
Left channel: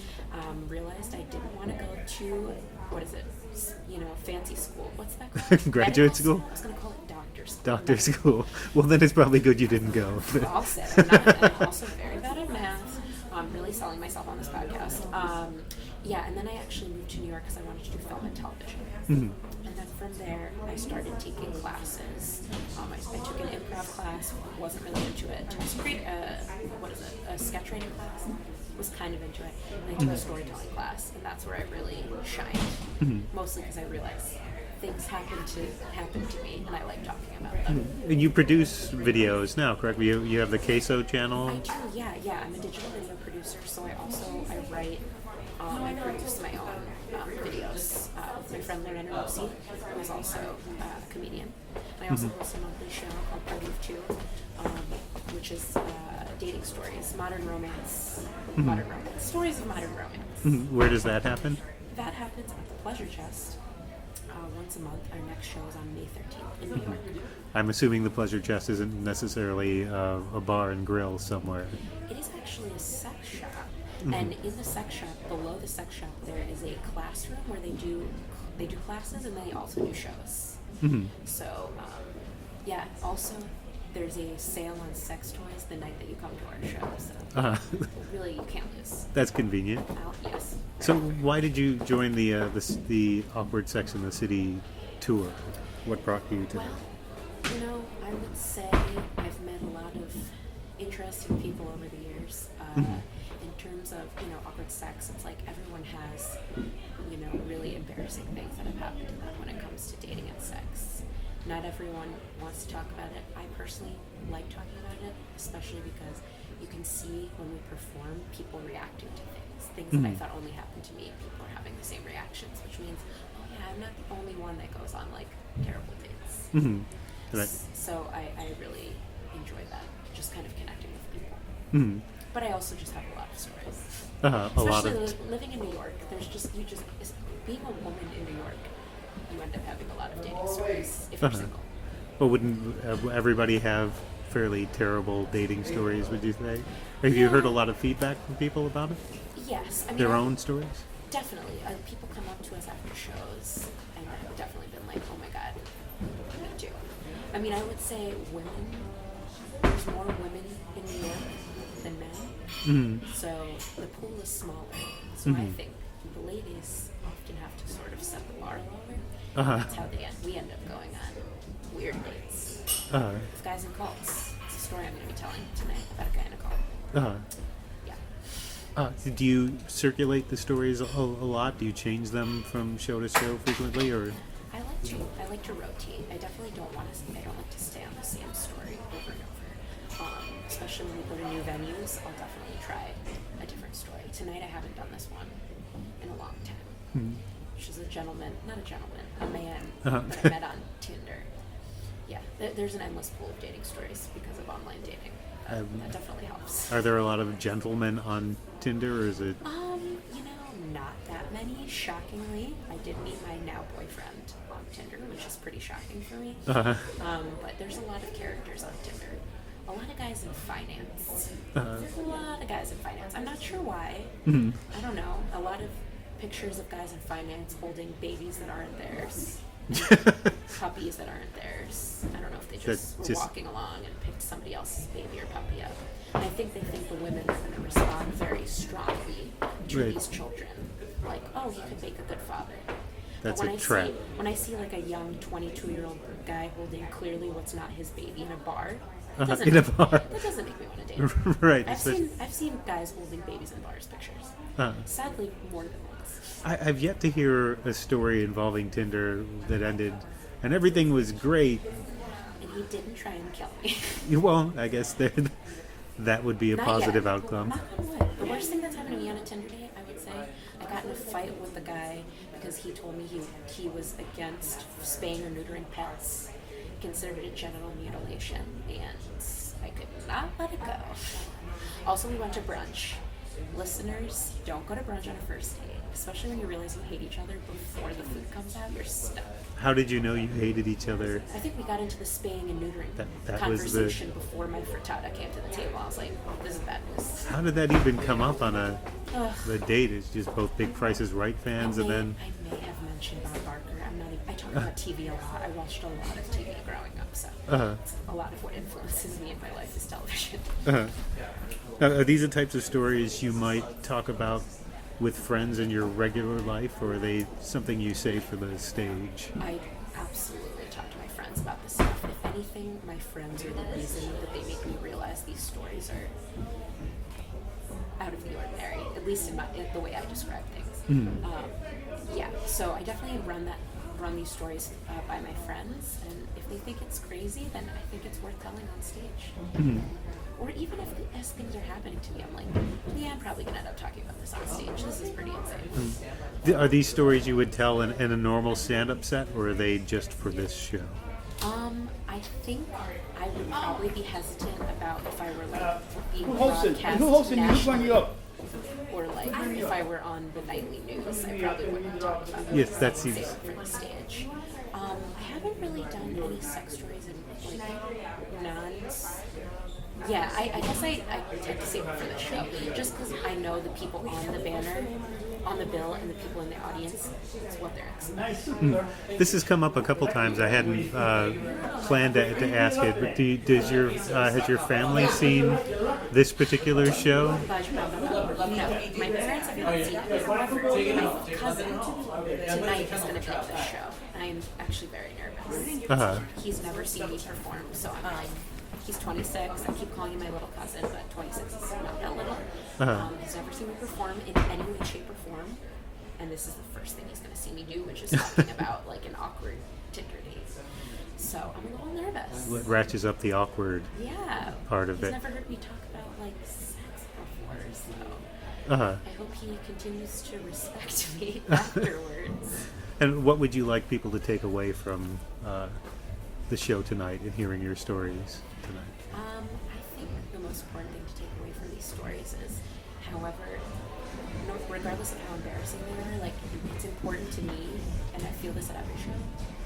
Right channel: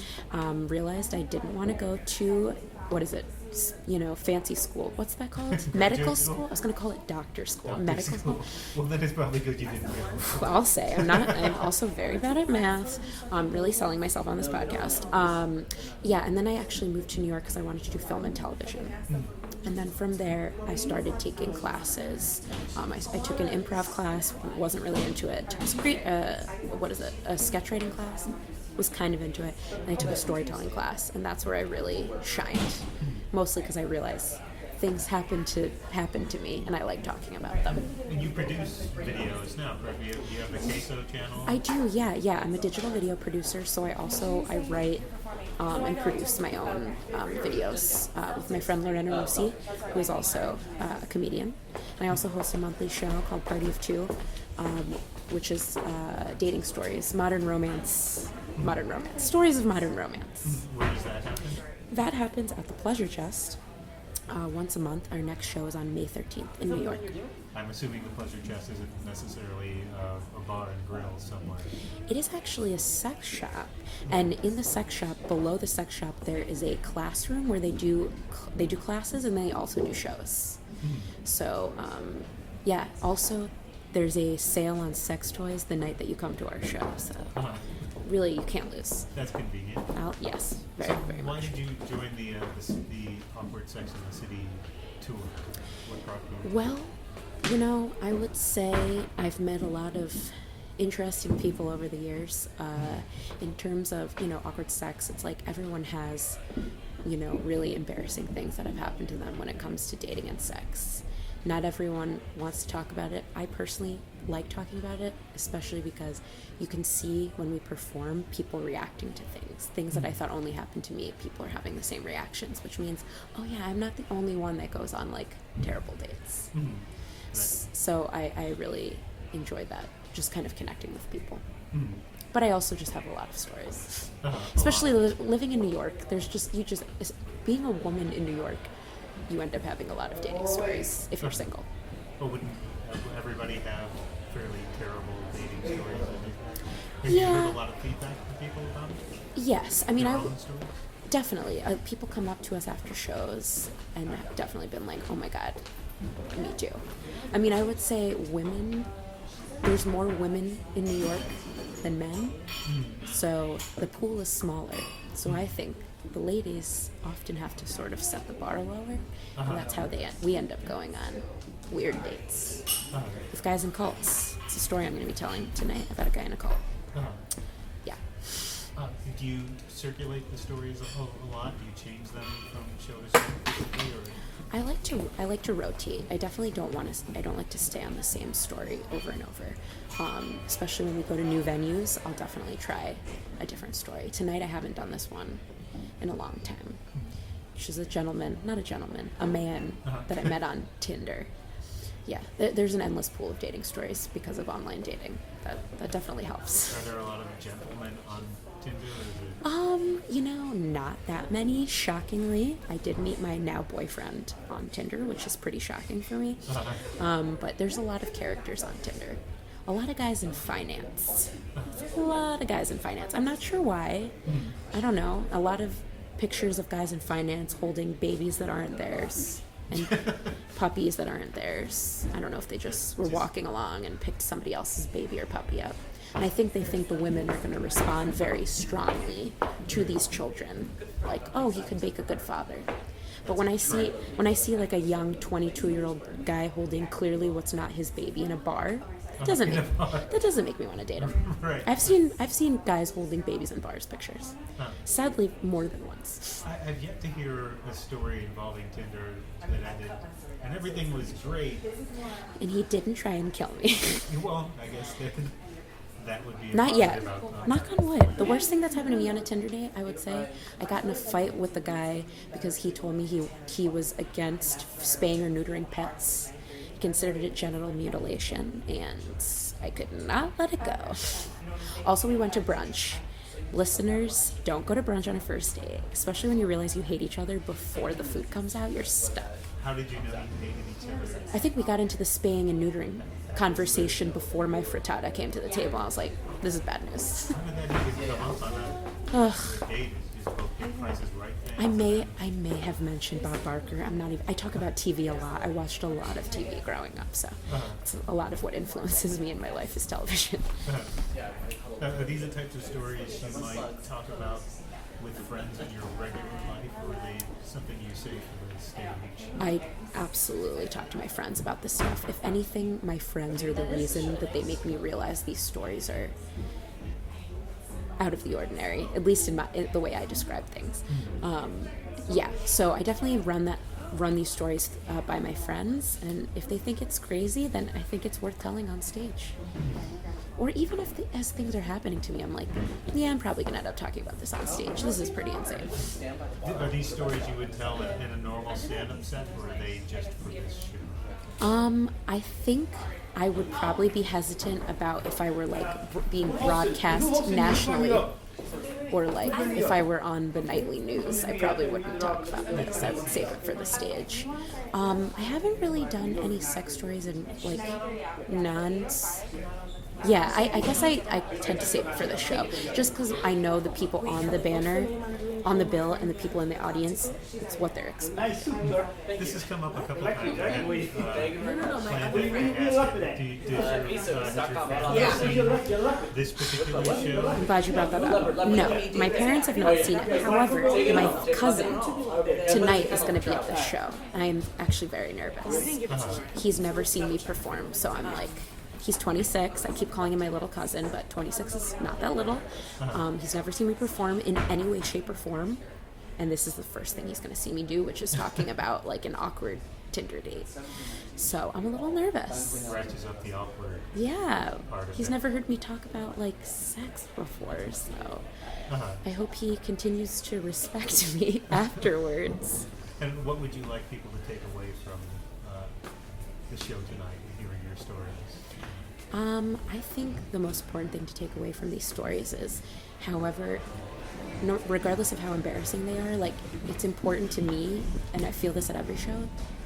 Realized I didn't want to go to, fancy school. What's that called? Graduate Medical school? I was going to call it doctor school. Doctor school. Well, then it's probably good you didn't go. I'll say. I'm also very bad at math. I'm really selling myself on this podcast. And then I actually moved to New York because I wanted to do film and television. And then from there, I started taking classes. I took an improv class, wasn't really into it. Took a sketch writing class, was kind of into it. And I took a storytelling class, and that's where I really shined. Mostly because I realized things happen to me, and I like talking about them. And you produce videos now, correct? You have the Queso channel? I do, yeah. I'm a digital video producer, so I write and produce my own videos with my friend Karolena Theresa, who is also a comedian. And I also host a monthly show called Party of Two, which is dating stories, modern romance, stories of modern romance. Where does that happen? That happens at the Pleasure Chest once a month. Our next show is on May 13th in New York. I'm assuming the Pleasure Chest isn't necessarily a bar and grill somewhere. It is actually a sex shop. And in the sex shop, below the sex shop, there is a classroom where they do classes, and they also do shows. So, also there's a sale on sex toys the night that you come to our show. So really, you can't lose. That's convenient. Yes. So why did you join the Awkward Sex in the City tour? What brought you to Well, I would say I've met a lot of interesting people over the years. In terms of, awkward sex, it's like everyone has, really embarrassing things that have happened to them when it comes to dating and sex. Not everyone wants to talk about it. I personally like talking about it, especially because you can see when we perform people reacting to things that I thought only happened to me. People are having the same reactions, which means, oh yeah, I'm not the only one that goes on like terrible dates. Right. So I really enjoy that, just kind of connecting with people. Mm-hmm. But I also just have a lot of stories. Especially Living in New York, being a woman in New York, you end up having a lot of dating stories if you're single. But wouldn't everybody have fairly terrible dating stories, would you say? Have you heard a lot of feedback from people about it? Yes. I mean, their own stories? Definitely. People come up to us after shows and have definitely been like, oh my God, me too. I mean, I would say there's more women in New York than men. Mm-hmm. So the pool is smaller. So I think the ladies often have to sort of set the bar lower. And that's how we end up going on weird dates with guys in cults. It's a story I'm going to be telling tonight about a guy in a cult. Yeah. Do you circulate the stories a lot? Do you change them from show to show frequently, or? I like to rotate. I definitely don't like to stay on the same story over and over. Especially when we go to new venues, I'll definitely try a different story. Tonight I haven't done this one in a long time. Which is a man that I met on Tinder. Yeah, there's an endless pool of dating stories because of online dating. That definitely helps. Are there a lot of gentlemen on Tinder, or is it? Not that many. Shockingly, I did meet my now boyfriend on Tinder, which is pretty shocking for me. But there's a lot of characters on Tinder. A lot of guys in finance. I'm not sure why. I don't know. A lot of pictures of guys in finance holding babies that aren't theirs. And puppies that aren't theirs. I don't know if they just were walking along and picked somebody else's baby or puppy up. And I think they think the women are going to respond very strongly to these children. Like, oh, he could make a good father. But when I see like a young 22-year-old guy holding clearly what's not his baby in a bar, that doesn't make me want to date him. Right. I've seen guys holding babies in bars pictures. Sadly, more than once. I've yet to hear a story involving Tinder that ended, and everything was great. And he didn't try and kill me. Well, I guess that would be a Not positive yet. outcome. Knock on wood. The worst thing that's happened to me on a Tinder date, I would say, I got in a fight with the guy because he told me he was against spaying or neutering pets. He considered it genital mutilation, and I could not let it go. Also, we went to brunch. Listeners, don't go to brunch on a first date, especially when you realize you hate each other before the food comes out. You're stuck. How did you know you hated each other? I think we got into the spaying and neutering conversation before my frittata came to the table. I was like, this is bad news. How did that even come up on a date? It's just both big Price is Right fans, I may have mentioned Bob Barker. I talk about TV a lot. I watched a lot of TV growing up, so it's a lot of what influences me in my life is television. Are these the types of stories you might talk about with friends in your regular life, or are they something you say for the stage? I absolutely talk to my friends about this stuff. If anything, my friends are the reason that they make me realize these stories are out of the ordinary, at least in the way I describe things. So I definitely run these stories by my friends, and if they think it's crazy, then I think it's worth telling on stage. Or even as things are happening to me, I'm like, yeah, I'm probably going to end up talking about this on stage. This is pretty insane. Are these stories you would tell in a normal stand-up set, or are they just for this show? I think I would probably be hesitant about if I were being broadcast nationally, or if I were on the nightly news. I probably wouldn't talk about it. Yes, that's save it for the stage. I haven't really done any sex stories in Yeah, I guess I tend to save it for the show, just because I know the people on the banner on the bill and the people in the audience, it's what they're expecting. This has come up a couple times. I hadn't planned to ask it, but has your family seen this particular show? I'm glad you brought that up. No, my parents have not seen it. However, my cousin tonight is going to be at this show. I'm actually very nervous. He's never seen me perform, so I'm like, he's 26. I keep calling him my little cousin, but 26 is not that little. He's never seen me perform in any way, shape, or form. And this is the first thing he's going to see me do, which is talking about like an awkward Tinder date. So I'm a little nervous. It ratchets up the awkward part of it. He's never heard me talk about like sex before, so I hope he continues to respect me afterwards. And what would you like people to take away from the show tonight and hearing your stories? I think the most important thing to take away from these stories is, however, regardless of how embarrassing they are, like, it's important to me, and I feel this at every show,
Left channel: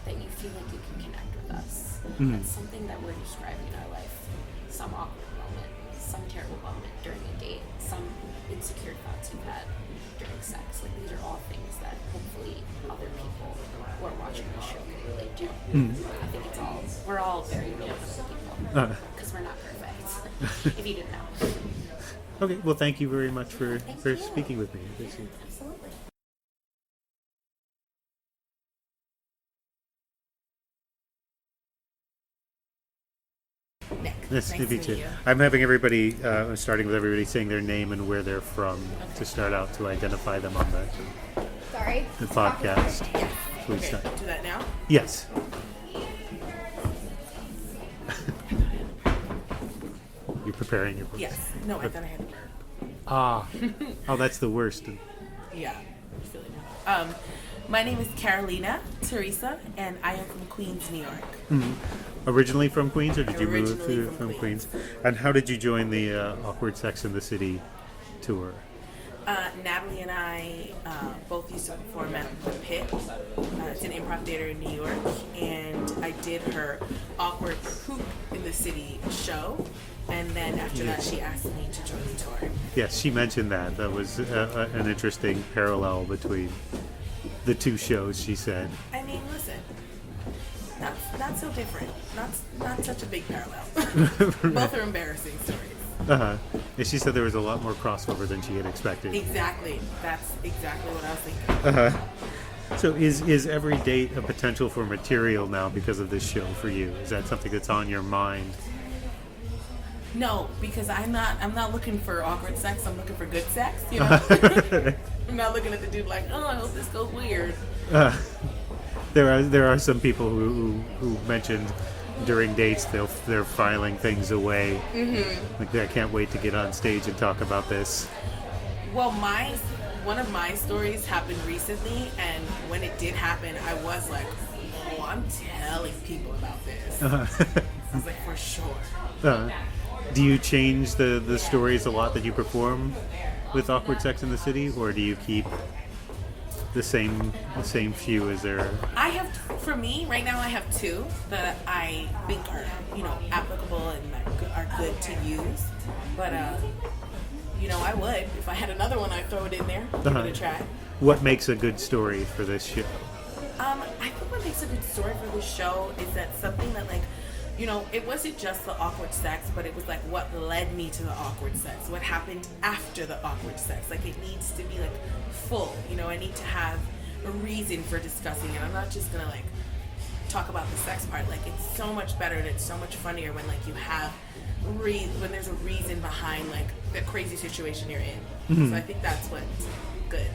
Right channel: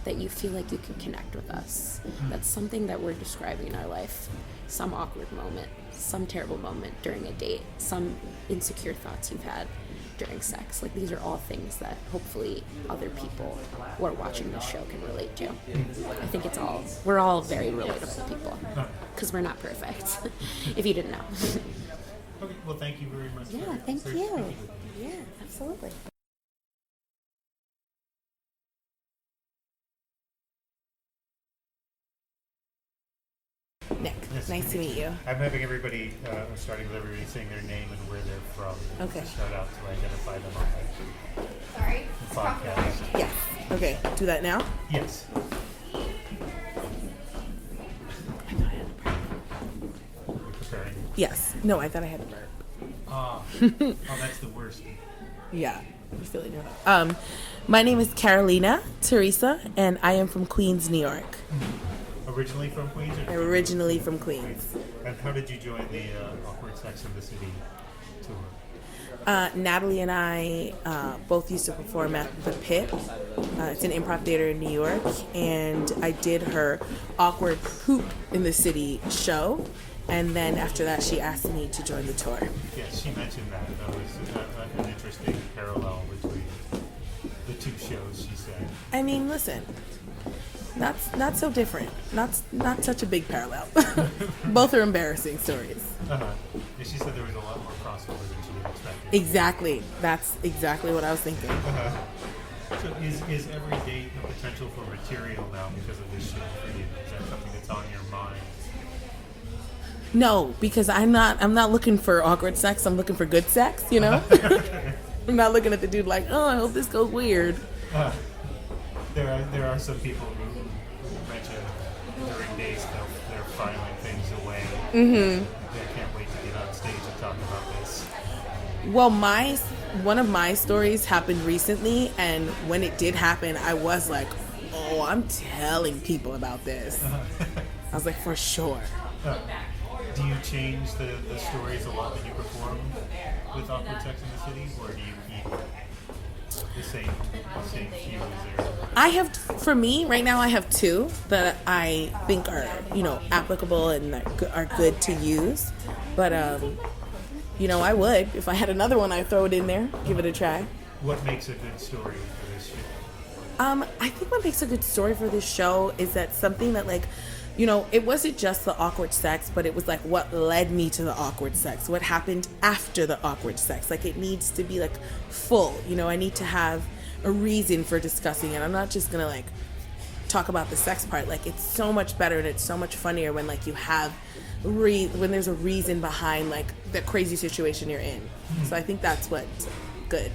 that you feel like you can connect with us. That's something that we're describing in our life. Some awkward moment, some terrible moment during a date, some insecure thoughts you've had during sex. Like, these are all things that hopefully other people who are watching this show can relate to. I think we're all very relatable people, because we're not perfect, if you didn't know. Okay, well, thank you very much for you. speaking with me. Yeah, absolutely. Nick, Nice to meet you. I'm having everybody, starting with everybody saying their name and where they're from to start out to identify them on the podcast. Yeah. Please Okay, start. do that now? Yes. You're preparing your Yes. No, I thought I had to burp. Oh, that's the worst. Yeah. I feel like my name is Karolena Theresa, and I am from Queens, New York. Originally from Queens, or did you move Originally to- from Queens. And how did you join the Awkward Sex in the City tour? Natalie and I both used to perform at the Pit. It's an improv theater in New York, and I did her Awkward Poop in the City show. And then after that, she asked me to join the tour. Yes, she mentioned that. That was an interesting parallel between the two shows, she said. I mean, listen, not so different. Not such a big parallel. Both are embarrassing stories. And she said there was a lot more crossover than she had expected. Exactly. That's exactly what I was thinking. So is every date a potential for material now because of this show for you? Is that something that's on your mind? No, because I'm not looking for awkward sex. I'm looking for good sex, you know? I'm not looking at the dude like, oh, I hope this goes weird. There are some people who mentioned during dates they're filing things away. Like, I can't wait to get on stage and talk about this. Well, one of my stories happened recently, and when it did happen, I was like, oh, I'm telling people about this. I was like, for sure. Do you change the stories a lot that you perform with Awkward Sex in the City, or do you keep the same few as there? For me, right now I have two that I think are, applicable and are good to use. But, I would. If I had another one, I'd throw it in there, give it a try. What makes a good story for this show? I think what makes a good story for this show is that something that, it wasn't just the awkward sex, but it was like what led me to the awkward sex, what happened after the awkward sex. Like, it needs to be full. I need to have a reason for discussing it. I'm not just gonna talk about the sex part. It's so much better and it's so much funnier when you have when there's a reason behind the crazy situation you're in. So I think that's what's good.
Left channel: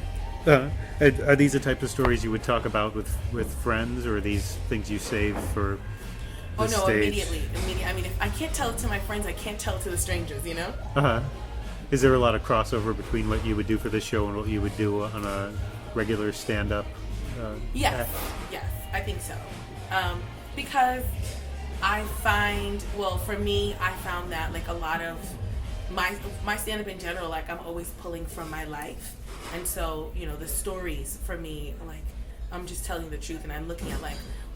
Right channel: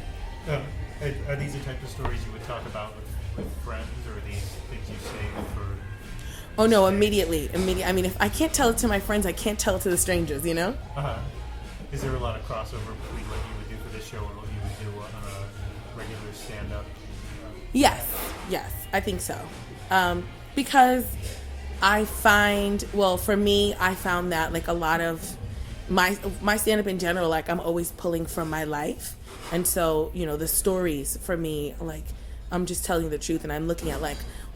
Are these the type of stories you would talk about with friends, or are these things you save for? Oh no, stage? Immediately. I mean, if I can't tell it to my friends, I can't tell it to the strangers, Is there a lot of crossover between what you would do for this show and what you would do on a regular stand-up? Yes, I think so. Because I find, for me, I found that a lot of my stand-up in general, I'm always pulling from my life. And so, the stories for me, I'm just telling the truth, and I'm looking at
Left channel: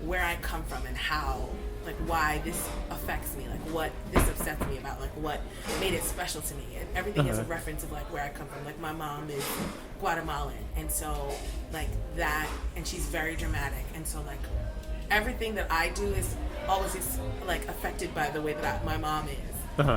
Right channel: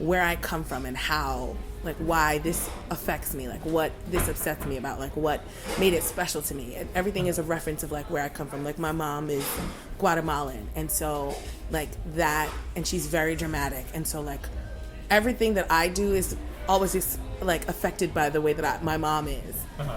where I come from and how like why this affects me, like what this upsets me about, like what made it special to me. And everything is a reference of like where I come from. Like my mom is Guatemalan, and so like that, and she's very dramatic, and so like everything that I do is always like affected by the way that my mom is.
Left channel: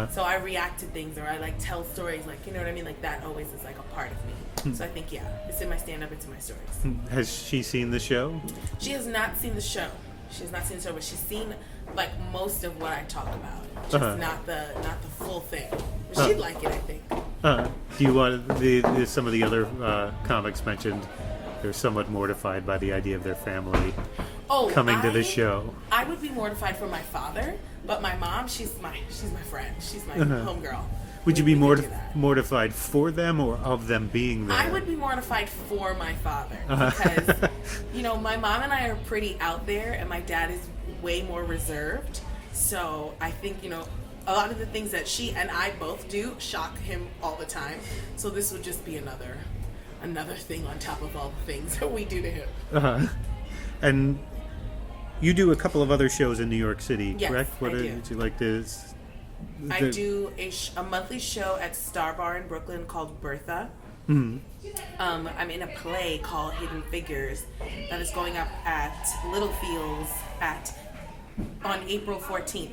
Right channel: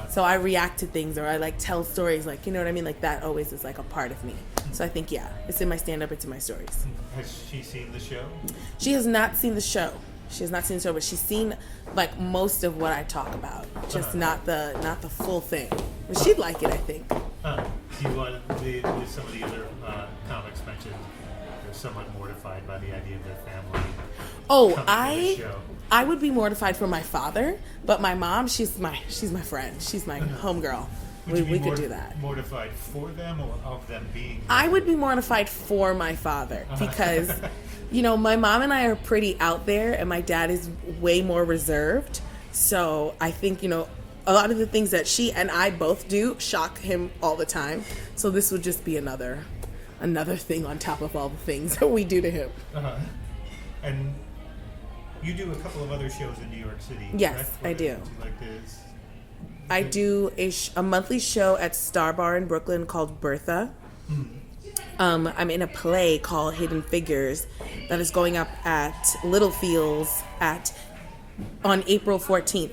So I react to things, or I like tell stories, like, you know what I mean? Like that always is like a part of me. So I think, yeah, it's in my stand-up, it's in my stories. Has she seen the show? She has not seen the show. She has not seen the show, but she's seen like most of what I talk about, just not the full thing. But she'd like it, I think. Do you want some of the other comics mentioned? They're somewhat mortified by the idea of their family coming to the show. I would be mortified for my father, but my mom, she's my friend. She's my homegirl. Would you be could do that. mortified for them or of them being there? I would be mortified for my father because, you know, my mom and I are pretty out there, and my dad is way more reserved. So I think, you know, a lot of the things that she and I both do shock him all the time. So this would just be another thing on top of all the things that we do to him. And you do a couple of other shows in New York City, yes, correct? I do. Would you like to... I do a monthly show at Star Bar in Brooklyn called Bertha. I'm in a play called Hidden Figures that is going up at Little Fields on April 14th.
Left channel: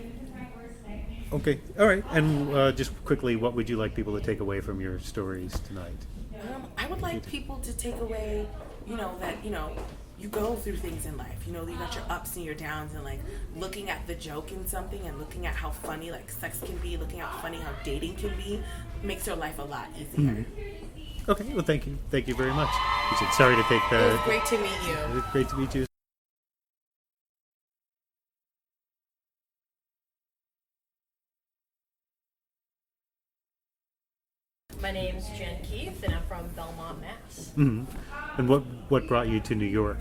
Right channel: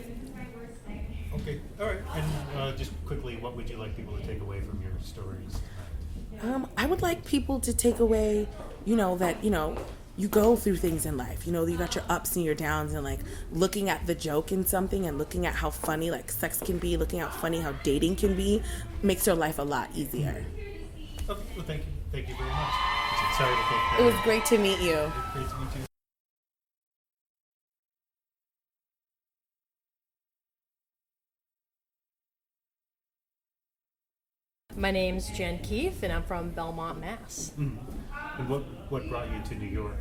Okay, all right. And just quickly, what would you like people to take away from your stories tonight? I would like people to take away, you know, that, you know, you go through things in life. You know, you got your ups and your downs, and like looking at the joke in something and looking at how funny like sex can be, looking at how funny how dating can be, makes your life a lot easier. Okay, well, thank you. Thank you very much. Sorry to take that. It was great to meet you. It was great to meet you. My name's Jen Keefe, and I'm from Belmont, Mass. And what brought you to New York?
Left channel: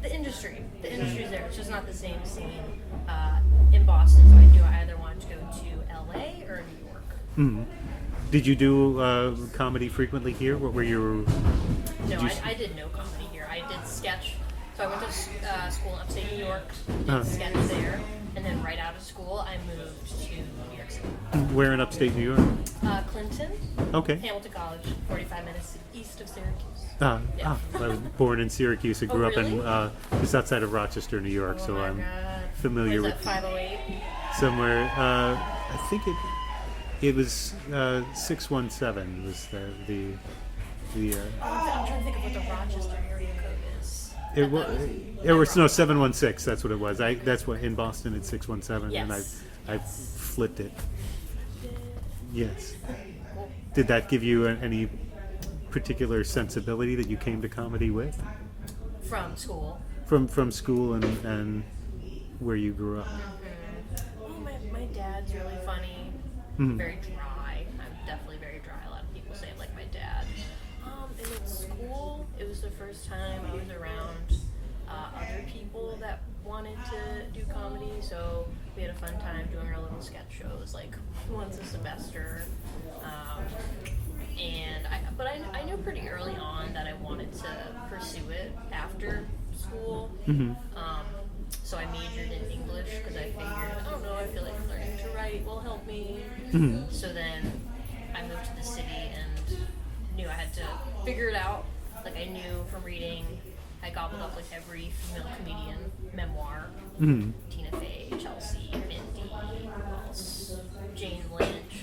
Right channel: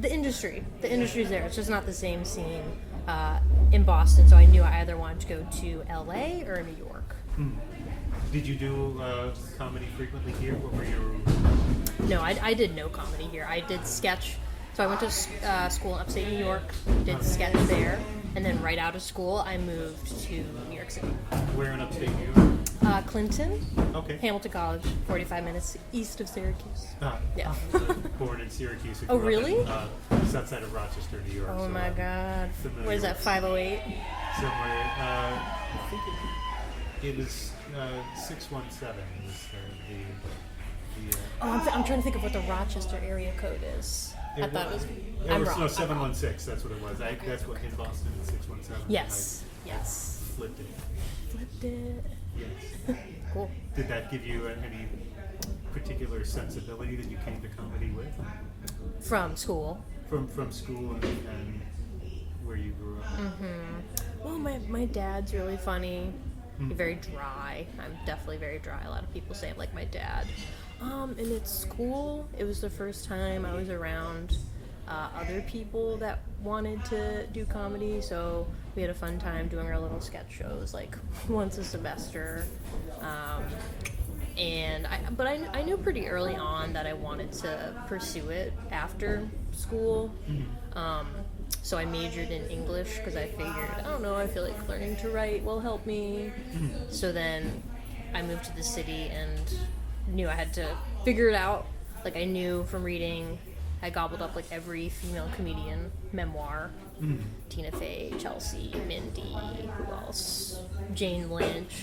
The industry's there. It's just not the same scene in Boston, so I knew I either wanted to go to LA or New York. Did you do comedy frequently here? What were your... No, I did no comedy here. I did sketch. So I went to school in upstate New York, did sketch there, and then right out of school, I moved to New York City. Where in upstate New York? Clinton. Okay. Hamilton College, 45 minutes east of Syracuse. I was born in Syracuse. I grew really? up in just outside of Rochester, New York. Oh so my I'm God. familiar What is with that, 508? somewhere. I think it was 617 was the I'm trying to think of what the Rochester area code is. It was no 716. That's what it was. That's what in Boston it's 617. Yes. And I flipped it. Yes. Cool. Did that give you any particular sensibility that you came to comedy with? From school. From school and where you grew up. Well, my dad's really funny. Very dry. I'm definitely very dry. A lot of people say I'm like my dad. And at school, it was the first time I was around other people that wanted to do comedy, so we had a fun time doing our little sketch shows, like once a semester. But I knew pretty early on that I wanted to pursue it after school. So I majored in English because I figured, I don't know, I feel like learning to write will help me. So then I moved to the city and knew I had to figure it out. Like I knew from reading, I gobbled up like every female comedian memoir. Tina Fey, Chelsea, Mindy, who else? Jane Lynch.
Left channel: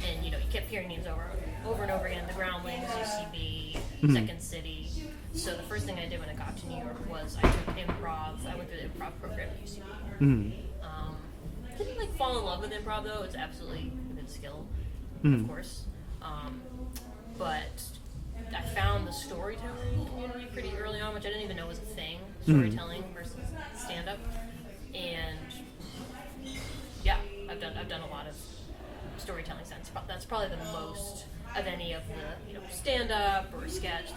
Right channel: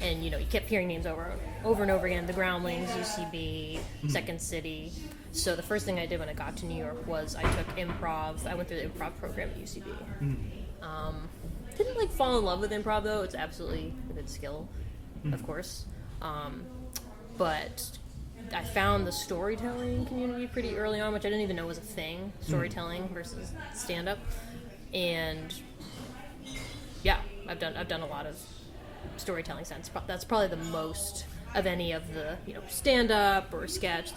And you know, you kept hearing names over and over again. The Groundlings, UCB, Second City. So the first thing I did when I got to New York was I took improv. I went through the improv program at UCB. Didn't like fall in love with improv though. It's absolutely a good skill, of course. But I found the storytelling community pretty early on, which I didn't even know was a thing. Storytelling versus stand-up, and yeah, I've done a lot of storytelling since. That's probably the most of any of the stand-up or sketch.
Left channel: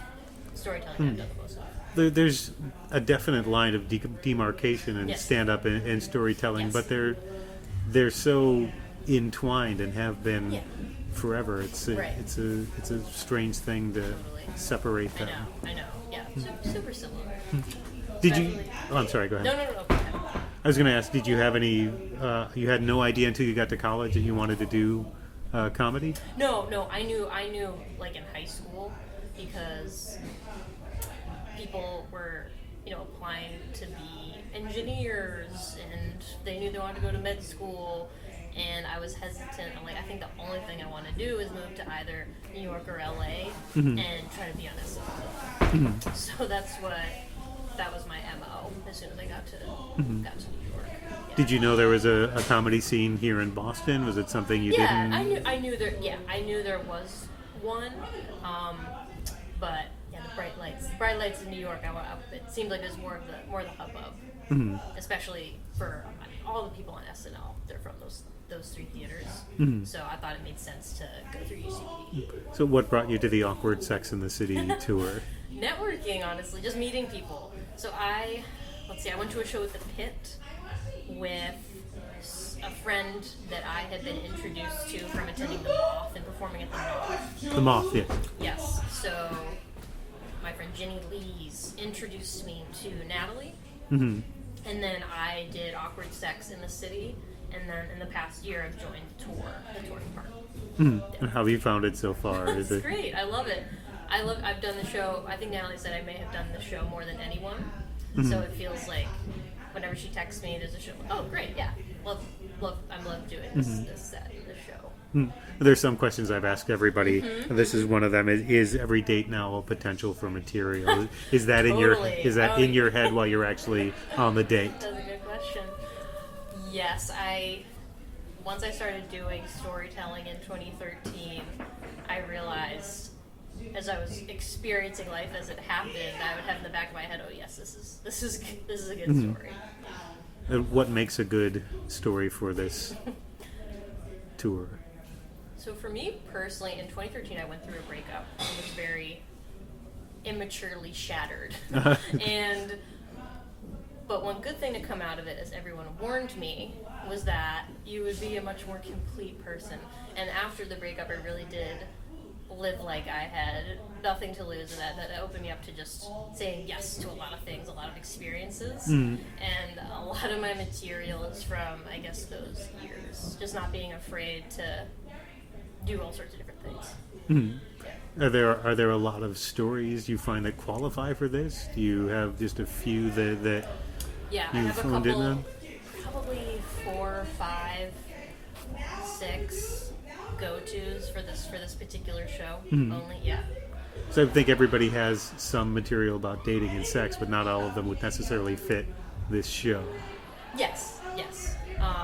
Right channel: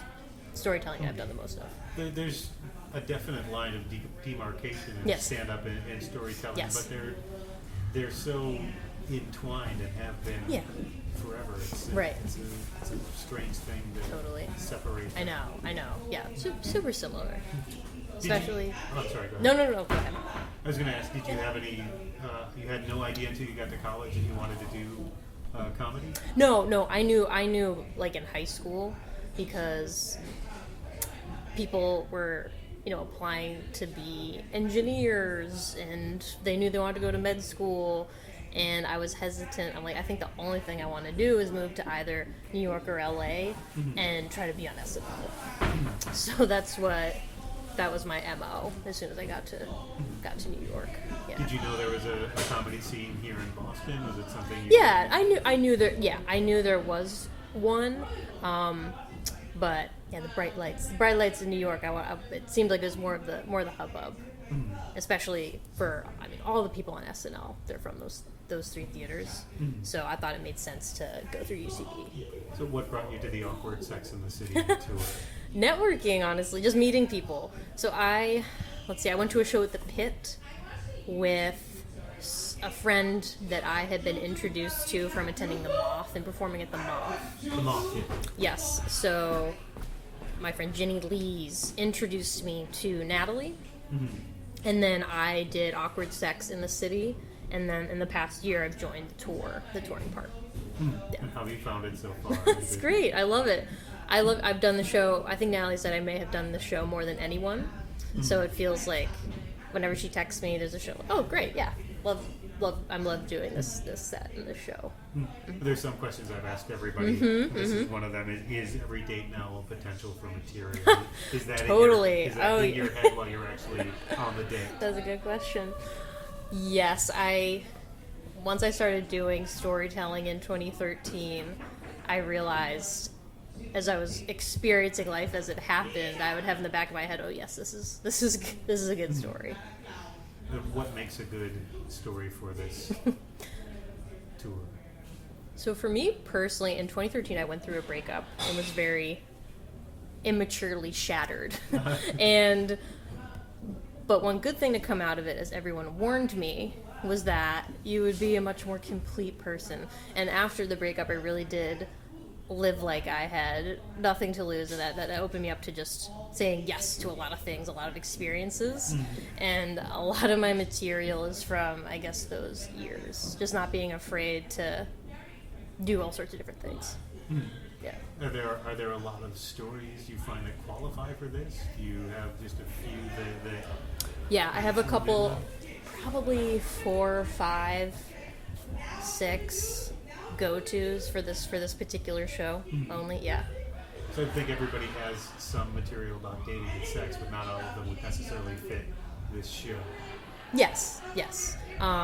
Storytelling I've done the most of. There's a definite line of demarcation in stand-up and storytelling, but they're so entwined and have been forever. It's a strange thing to separate them. I know. Yeah, super similar. Did you? Especially. Oh, I'm sorry. Go ahead. No. Go ahead. I was going to ask, did you have any? You had no idea until you got to college that you wanted to do comedy? No. I knew like in high school because people were, applying to be engineers and they knew they wanted to go to med school, and I was hesitant. I'm like, I think the only thing I want to do is move to either New York or LA and try to be on SNL. So that was my MO as soon as I got to New York. Yeah. Did you know there was a comedy scene here in Boston? Was it something you Yeah, didn't? I knew there. Yeah, I knew there was one, but yeah, the bright lights in New York. It seemed like there's more of the hubbub, especially for all the people on SNL. They're from those three theaters, so I thought it made sense to go through UCB. So what brought you to the Awkward Sex in the City tour? Networking, honestly, just meeting people. So I went to a show at the Pit with a friend that I had been introduced to from attending the Moth and performing at the Moth. The Moth, yeah. Yes, so my friend Jenny Lees introduced me to Natalie, and then I did Awkward Sex in the City, and then in the past year I've joined the touring part. And how have you found it so far? It's great. I love it. I've done the show. I think Natalie said I may have done the show more than anyone. So it feels like whenever she texts me, there's a show. Oh, great! Yeah, love. I love doing this set and this show. There's some questions I've asked everybody. This is one of them. Is every date now a potential for material? Is that Totally. in your head while you're actually on the date? That's a good question. Yes, once I started doing storytelling in 2013, I realized, as I was experiencing life as it happened, I would have in the back of my head, oh yes, this is a good story. What makes a good story for this tour? So for me personally, in 2013, I went through a breakup and was very immaturely shattered. But one good thing to come out of it, as everyone warned me, was that you would be a much more complete person. And after the breakup, I really did live like I had nothing to lose, and that opened me up to just saying yes to a lot of things, a lot of experiences. And a lot of my material is from, I guess, those years. Just not being afraid to do all sorts of different things. Yeah. Are there a lot of stories you find that qualify for this? Do you have just a few that Yeah, I have a honed in couple, on? probably 4, 5, 6 go-tos for this particular show only. Yeah. So I think everybody has some material about dating and sex, but not all of them would necessarily fit this show. Yes. What was I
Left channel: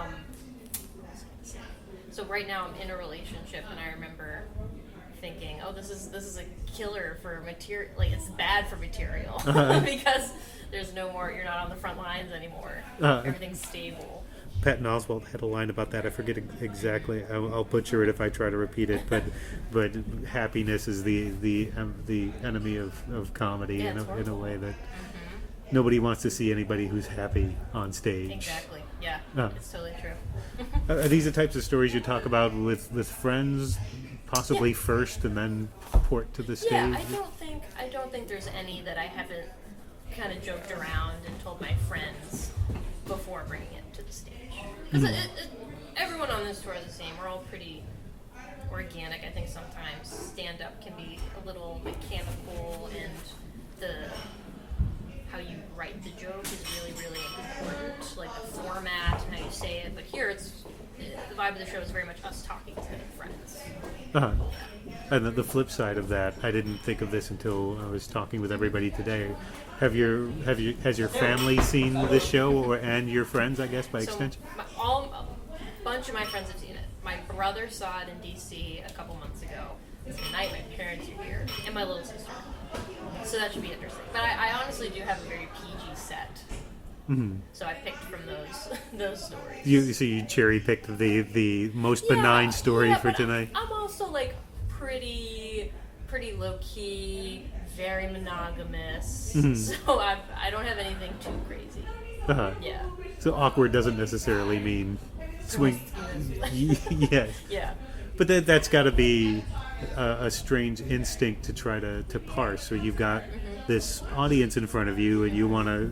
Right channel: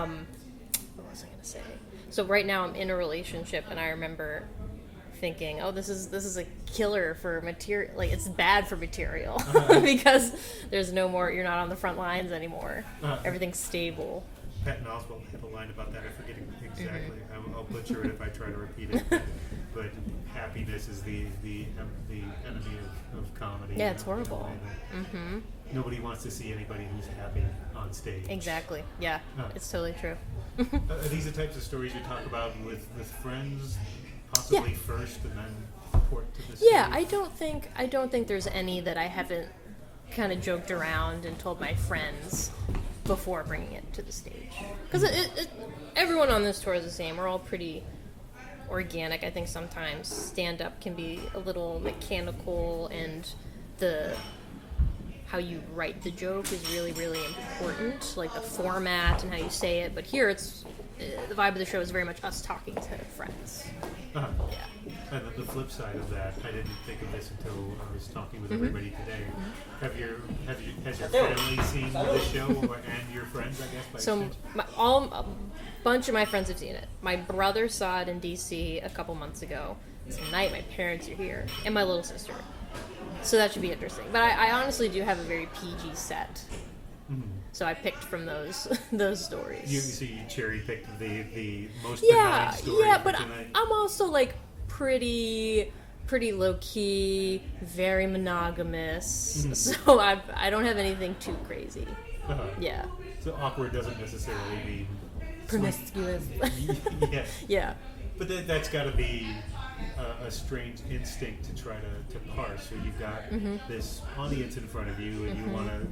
gonna say? So right now I'm in a relationship, and I remember thinking, oh, this is a killer for material. Like, it's bad for material because there's no more. You're not on the front lines anymore. Everything's stable. Patton Oswalt had a line about that. I forget exactly. I'll butcher it if I try to repeat it. But happiness is the enemy of comedy. Yeah, in it's a way horrible. that nobody wants to see anybody who's happy on stage. Exactly. Yeah, it's totally true. Are these the types of stories you talk about with friends, possibly first, and then port to the stage? Yeah, I don't think there's any that I haven't kind of joked around and told my friends before bringing it to the stage. Because everyone on this tour is the same. We're all pretty organic. I think sometimes stand-up can be a little mechanical, and how you write the joke is really, really important, like the format and how you say it. But here, the vibe of the show is very much us talking to friends. Uh-huh. Yeah. And the flip side of that, I didn't think of this until I was talking with everybody today. Has your family seen this show, and your friends, I guess, by extension? A bunch of my friends have seen it. My brother saw it in DC a couple months ago. Tonight, my parents are here, and my little sister. So that should be interesting. But I honestly do have a very PG set. So I picked from those stories. So you cherry picked the most benign story for tonight. I'm also like pretty low key, very monogamous. So I don't have anything too crazy. Yeah. So awkward doesn't necessarily mean Promiscuous. yeah. Yeah. But that's got to be a strange instinct to try to parse. So you've got this audience in front of you, and you want to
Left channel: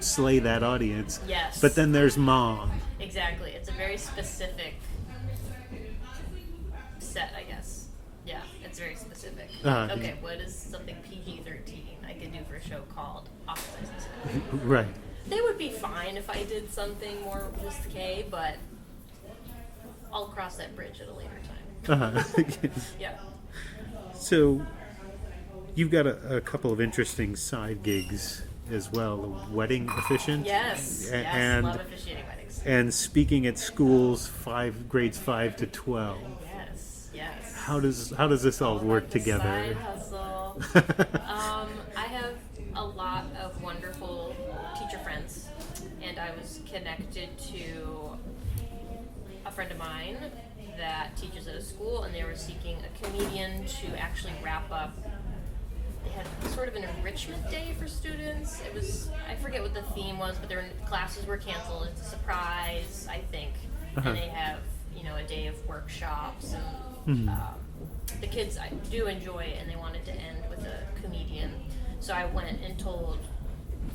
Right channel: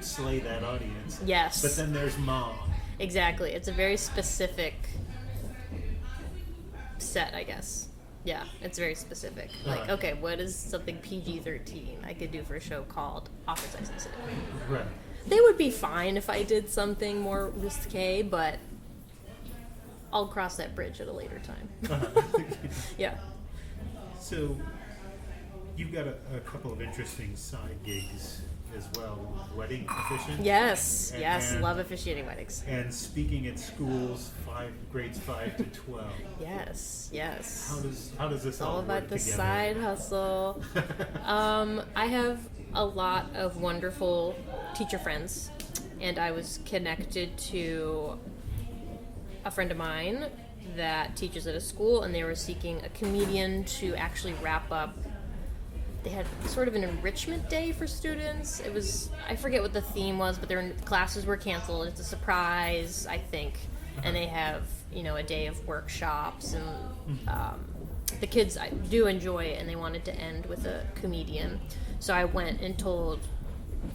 slay that audience. Yes. But then there's Mom. Exactly. It's a very specific set, I guess. Yeah, it's very specific. Like, okay, what is something PG-13 I could do for a show called Office License? Right. They would be fine if I did something more risque, but I'll cross that bridge at a later time. Yeah. So you've got a couple of interesting side gigs as well. Wedding officiant. Yes, and, love officiating weddings. And speaking at schools, grades 5 to 12. Yes. How does this all work about the together? Side hustle. I have a lot of wonderful teacher friends, and I was connected to a friend of mine that teaches at a school, and they were seeking a comedian to actually wrap up. They had sort of an enrichment day for students. It was, I forget what the theme was, but their classes were canceled. It's a surprise, I think. And they have, a day of workshops, and the kids do enjoy it, and they wanted to end with a comedian. So I went and told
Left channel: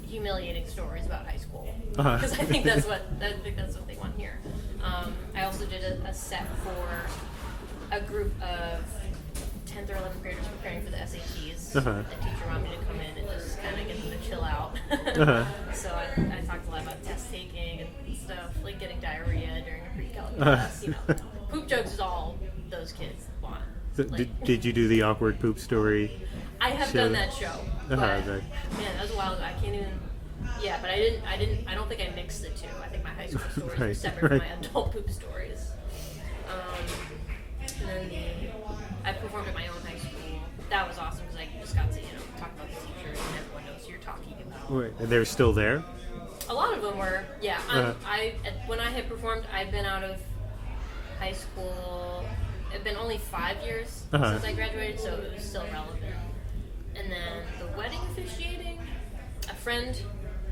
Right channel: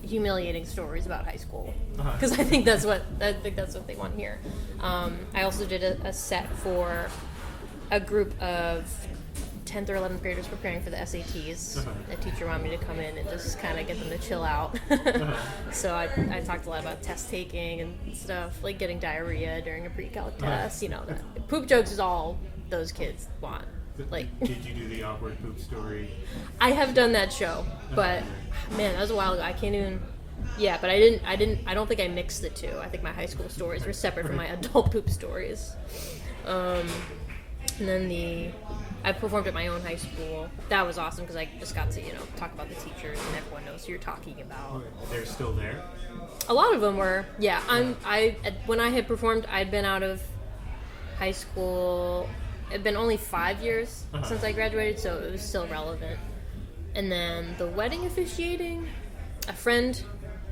humiliating stories about high school, because I think that's what they want here. I also did a set for a group of 10th or 11th graders preparing for the SATs. A teacher wanted me to come in and just kind of get them to chill out. So I talked a lot about test taking and stuff, like getting diarrhea during a pre-calc test. Poop jokes is all those kids want. Like, did you do the awkward poop story? I have done that show, but man, that was a while ago. I can't even. Yeah, but I don't think I mixed the two. I think my high school stories were separate from my adult poop stories. And then I performed at my own high school. That was awesome because I just got to talk about the teachers, and everyone knows who you're talking about. And they're still there? A lot of them were. Yeah, when I had performed, I'd been out of high school. It'd been only 5 years since I graduated, so it was still relevant. And then the wedding officiating, a friend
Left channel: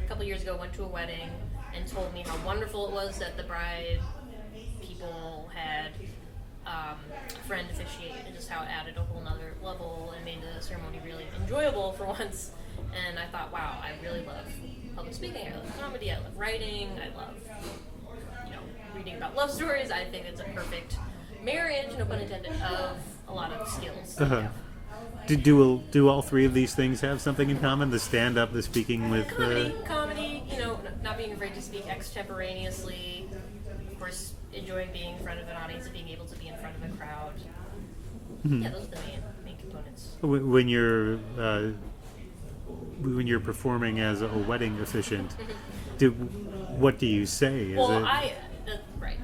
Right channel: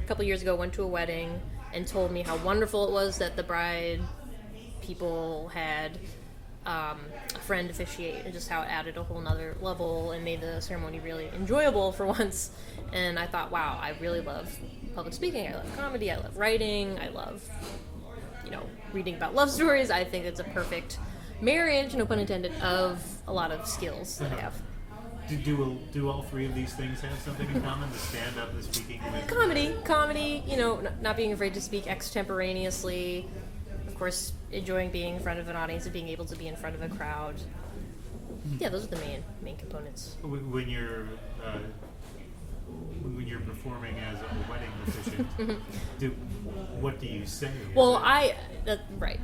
a couple years ago went to a wedding and told me how wonderful it was that the bride people had a friend officiate, and just how it added a whole nother level and made the ceremony really enjoyable for once. And I thought, wow, I really love public speaking, I love comedy, I love writing, I love reading about love stories. I think it's a perfect marriage, no pun intended, of a lot of skills that I have. Do all three of these things have something in common? The stand-up, the speaking with... Comedy, not being afraid to speak extemporaneously. Of course, enjoying being in front of an audience and being able to be in front of a crowd. Yeah, those are the main components. When you're performing as a wedding officiant, what do you say?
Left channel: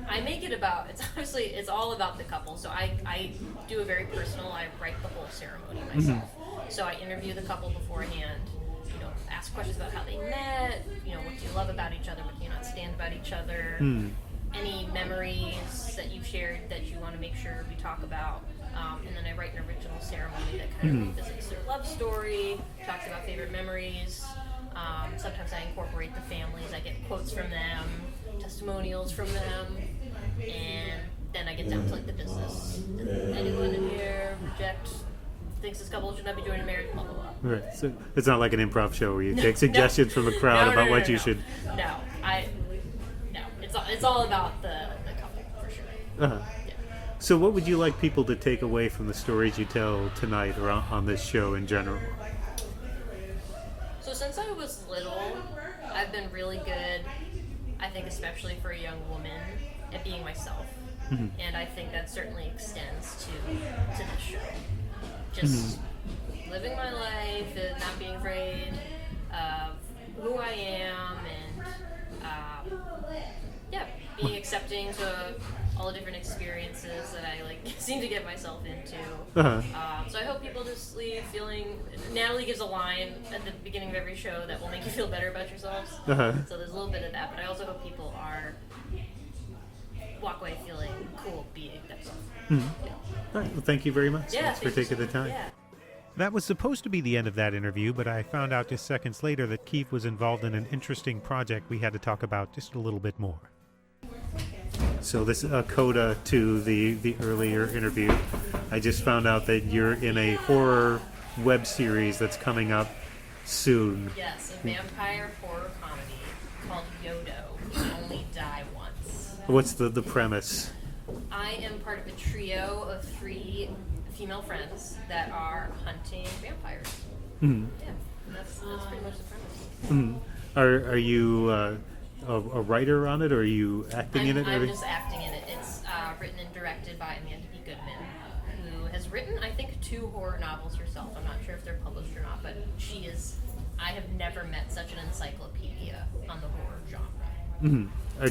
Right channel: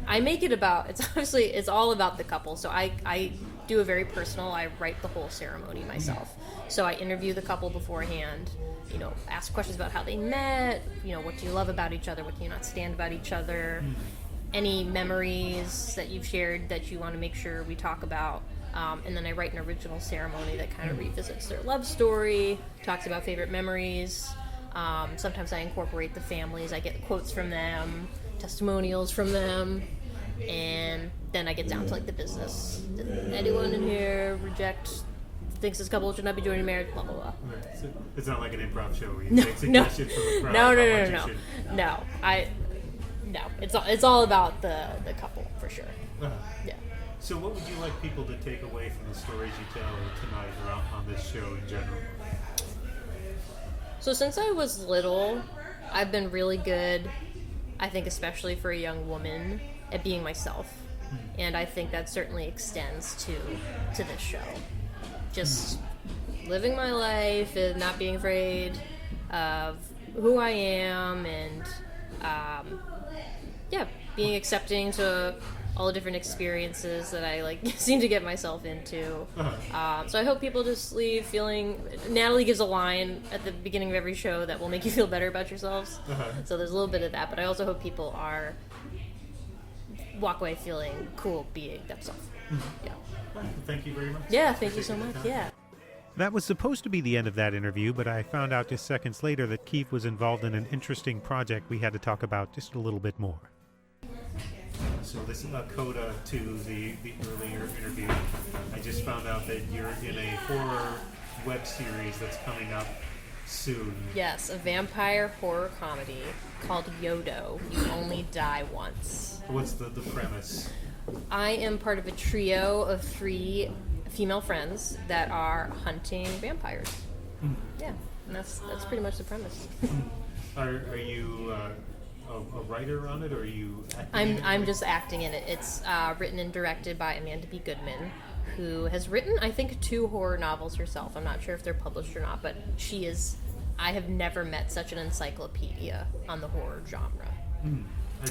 I make it about, it's all about the couple. So I do a very personal, I write the whole ceremony myself. So I interview the couple beforehand, ask questions about how they met, what do you love about each other, what do you not stand about each other, any memories that you've shared that you want to make sure we talk about. And then I write an original ceremony that kind of revisits their love story, talks about favorite memories. Sometimes I incorporate the families. I get quotes from them, testimonials from them, and then I get down to the business. Did anyone in here thinks this couple should not be joining marriage, blah, blah, blah. Right. So it's not like an improv show where you take suggestions from the crowd about what you should... No. It's all about the couple, for sure. Yeah. So what would you like people to take away from the stories you tell tonight or on this show in general? So since I was little, I've been really good, I think especially for a young woman, at being myself. And I think that certainly extends to this show. Just living my life and not being afraid of who I am, and being accepting to all the different experiences that I seem to get myself into. So I hope people just leave feeling. Natalie gives a line at the beginning of every show that will make you feel better about yourselves. So there's a little bit of that, but I also hope people walk away feeling cool being themselves. All right, well, thank you very much. Yeah, for taking the time. Yeah. That was supposed to be the end of that interview, but I found out just seconds later that Keefe was involved in an interesting project we had to talk about just a little bit more. So this is a coda to the earlier interview. I just found out that you're in a horror web series that's coming up soon. Yes, a vampire horror comedy called Yodo, Only Die Once. What's the premise? I am part of a trio of 3 female friends that are hunting vampires. Yeah, and that's pretty much the premise. Are you a writer on it, or are you acting in it? I'm just acting in it. It's written and directed by Amanda B. Goodman, who has written, I think, 2 horror novels herself. I'm not sure if they're published or not, but she is. I have never met such an encyclopedia on the horror genre.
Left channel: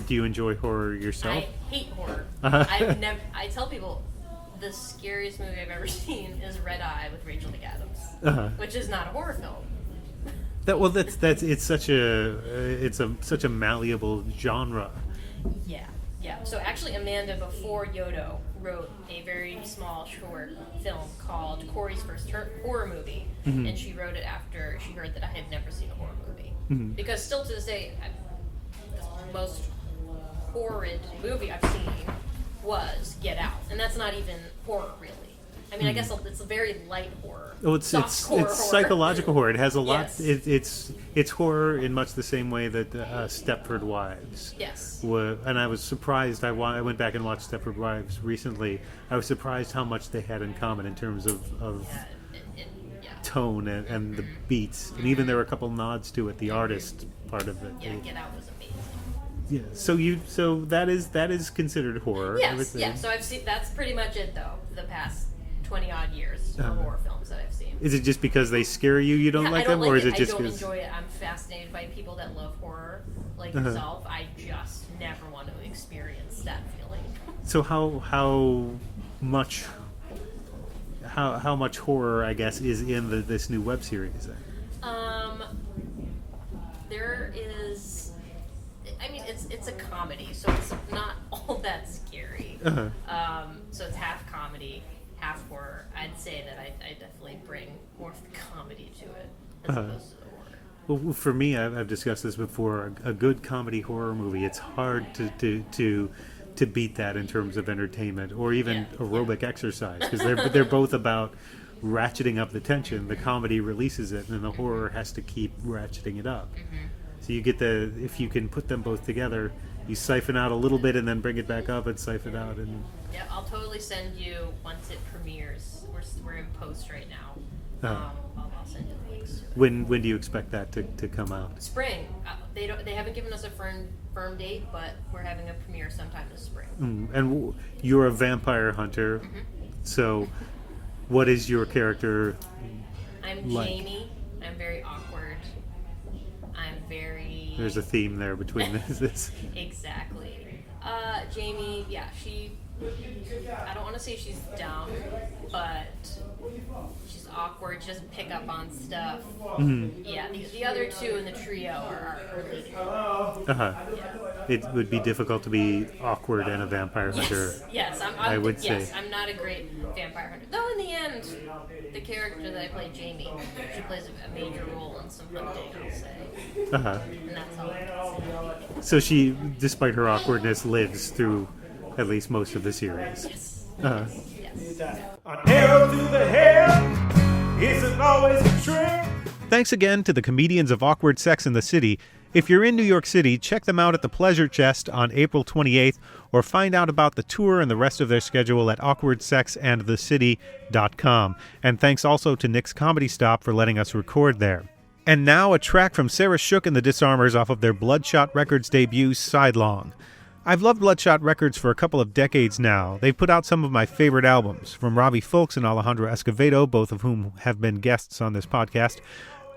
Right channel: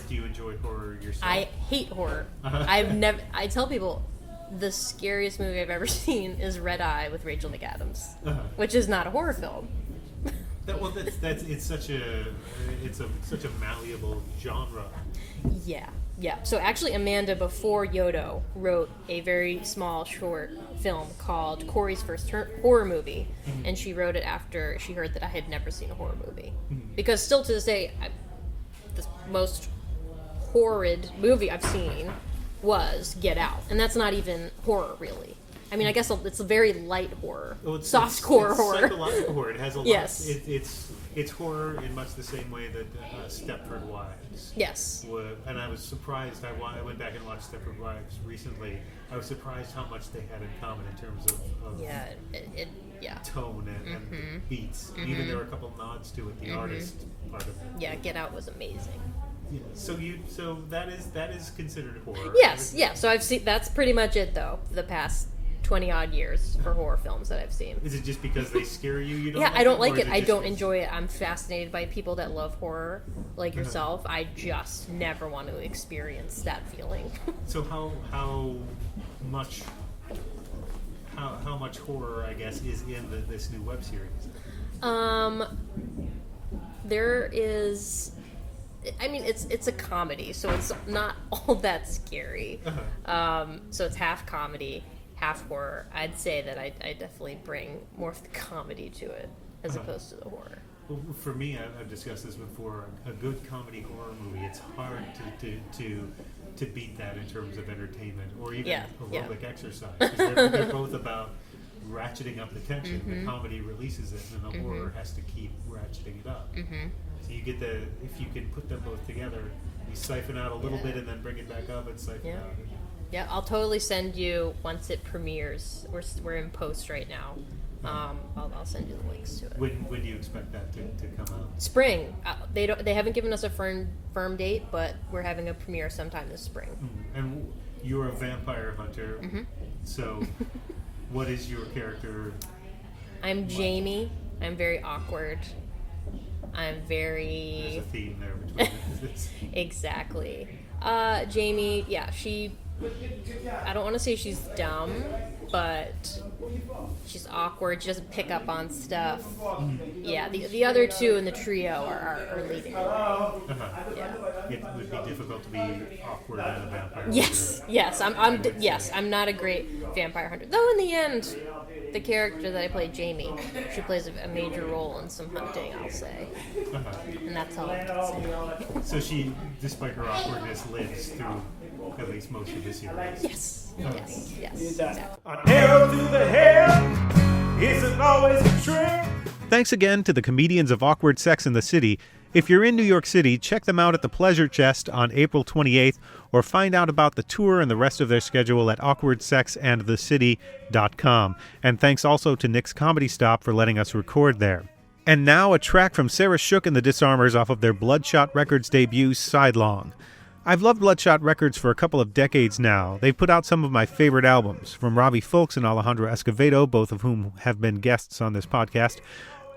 Do you enjoy horror yourself? I hate horror. I tell people the scariest movie I've ever seen is Red Eye with Rachel McAdams, which is not a horror film. It's such a malleable genre. Yeah. So actually, Amanda, before Yodo, wrote a very small short film called Corey's First Horror Movie, and she wrote it after she heard that I had never seen a horror movie. Because still to this day, the most horrid movie I've seen was Get Out, and that's not even horror, really. I mean, I guess it's a very light horror, softcore horror. Psychological horror. It has a lot. Yes. It's horror in much the same way that Stepford Wives. Yes. And I was surprised. I went back and watched Stepford Wives recently. I was surprised how much they had in common in terms of tone and the beats, and even there were a couple nods to it. The artist part of it. Yeah, Get Out was amazing. Yeah. So that is considered horror. Yes. Yeah. So I've seen. That's pretty much it, though. For the past 20-odd years for horror films that I've seen. Is it just because they scare you? You don't like them? I don't like it. I don't enjoy it. I'm fascinated by people that love horror, like yourself. I just never want to experience that feeling. So how much horror, I guess, is in this new web series? There is. I mean, it's a comedy, so it's not all that scary. So it's half comedy, half horror. I'd say that I definitely bring more of the comedy to it as opposed to the horror. Well, for me, I've discussed this before. A good comedy horror movie, it's hard to beat that in terms of entertainment or even aerobic exercise, because they're both about ratcheting up the tension. The comedy releases it, and the horror has to keep ratcheting it up. So you get if you can put them both together, you siphon out a little bit and then bring it back up and siphon out. And yeah, I'll totally send you once it premieres. We're in post right now. I'll send you the links to it. When do you expect that to come out? Spring. They haven't given us a firm date, but we're having a premiere sometime this spring. And you're a vampire hunter, so what is your character? I'm like? Jamie. I'm very awkward. I'm very... There's a theme there between this. Exactly. Jamie, I don't want to say she's dumb, but she's awkward. She doesn't pick up on stuff. Yeah, the other 2 in the trio are leading. Yeah. It would be difficult to be awkward and a vampire hunter. Yes, I'm not a great vampire hunter. Though in the end, the character that I play, Jamie, she plays a major role in some hunting, I'll say. And that's all I can say. So she, despite her awkwardness, lives through at least most of the series. Yes. Yes. An arrow to the head isn't always a trick. Thanks again to the comedians of Awkward Sex in the City. If you're in New York City, check them out at the Pleasure Chest on April 28th, or find out about the tour and the rest of their schedule at awkwardsexandthecity.com. And thanks also to Nick's Comedy Stop for letting us record there. And now a track from Sarah Shook and the Disarmers off of their Bloodshot Records debut, Sidelong. I've loved Bloodshot Records for a couple of decades now. They've put out some of my favorite albums, from Robbie Fulks and Alejandro Escovedo, both of whom have been guests on this podcast,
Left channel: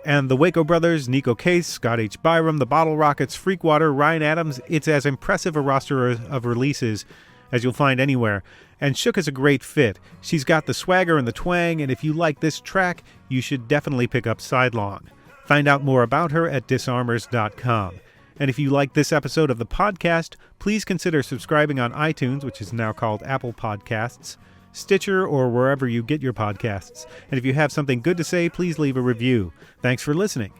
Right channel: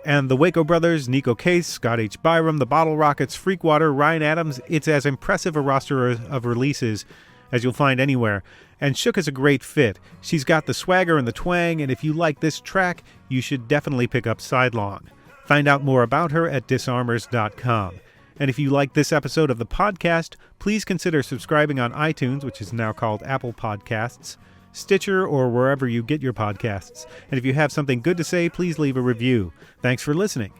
and the Waco Brothers, Nico Case, Scott H. Byram, the Bottle Rockets, Freakwater, Ryan Adams. It's as impressive a roster of releases as you'll find anywhere. And Shook is a great fit. She's got the swagger and the twang, and if you like this track, you should definitely pick up Sidelong. Find out more about her at disarmers.com. And if you like this episode of the podcast, please consider subscribing on iTunes, which is now called Apple Podcasts, Stitcher, or wherever you get your podcasts. And if you have something good to say, please leave a review. Thanks for listening.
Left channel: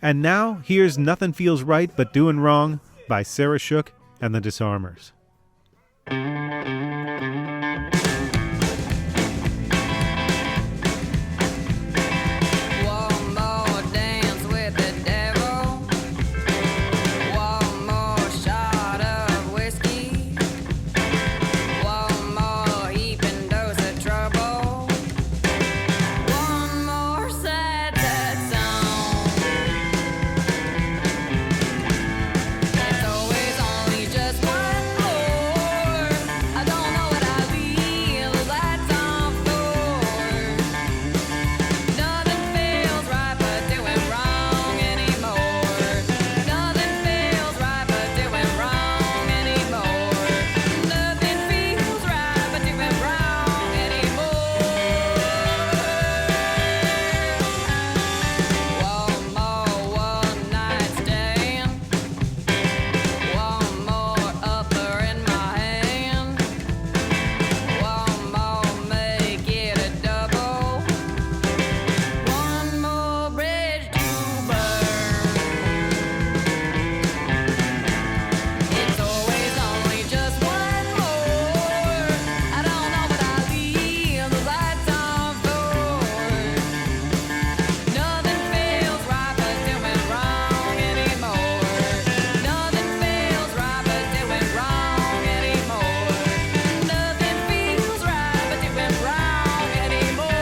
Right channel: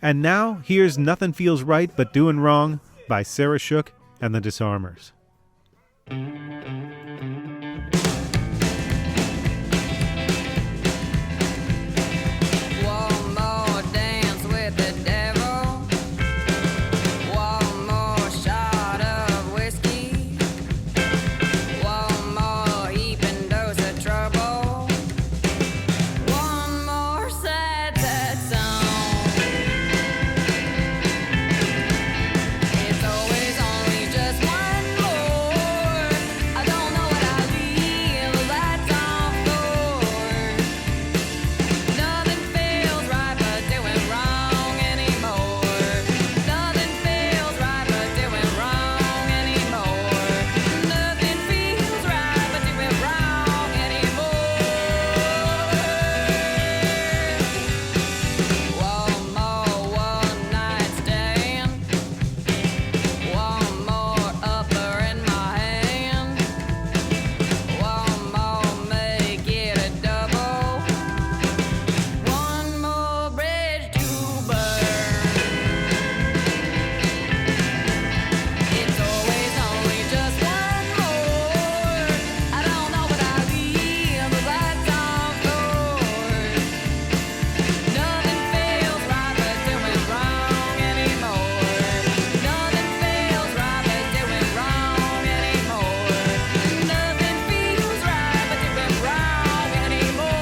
And now, here's Nothing Feels Right But Doing Wrong by Sarah Shook and the Disarmers. One more dance with the devil. One more shot of whiskey. One more heaping dose of trouble. One more sad, sad song. It's always only just one more. I don't know what I'll leave the lights on for. Nothing feels right but doing wrong anymore. Nothing feels right but doing wrong anymore. Nothing feels right but doing wrong anymore. One more one night stand. One more upper in my hand. One more make it a double. One more bridge to burn. It's always only just one more. I don't know what I'll leave the lights on for. Nothing feels right but doing wrong anymore. Nothing feels right but doing wrong anymore. Nothing feels right but doing wrong anymore.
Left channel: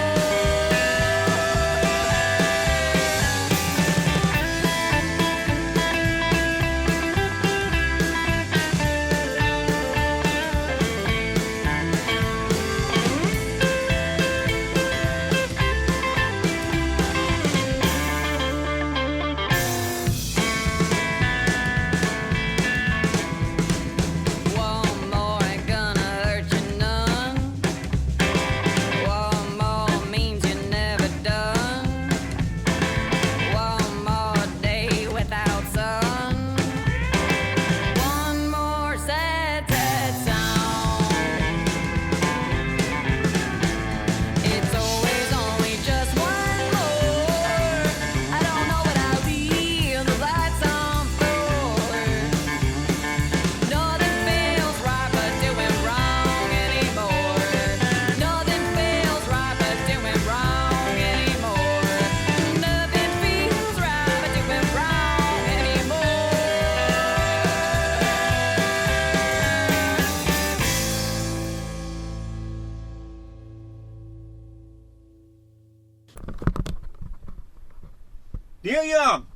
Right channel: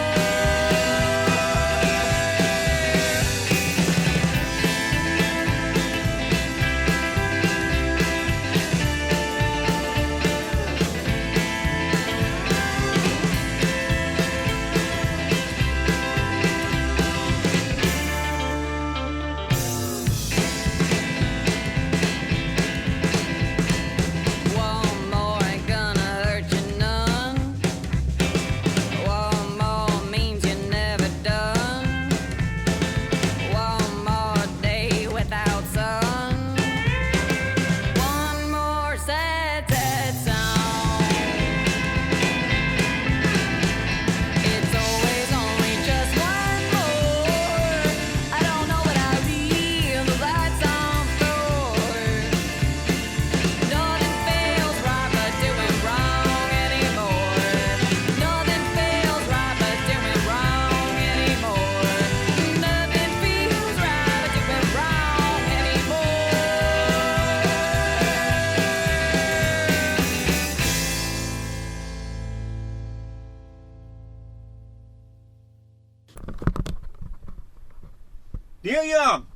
One more ain't gonna hurt you none. One more means you're never done. One more day without sun. One more sad, sad song. It's always only just one more. I don't know what I'll leave the lights on for. Nothing feels right but doing wrong anymore. Nothing feels right but doing wrong anymore. Nothing feels right but doing wrong anymore. Neil Young,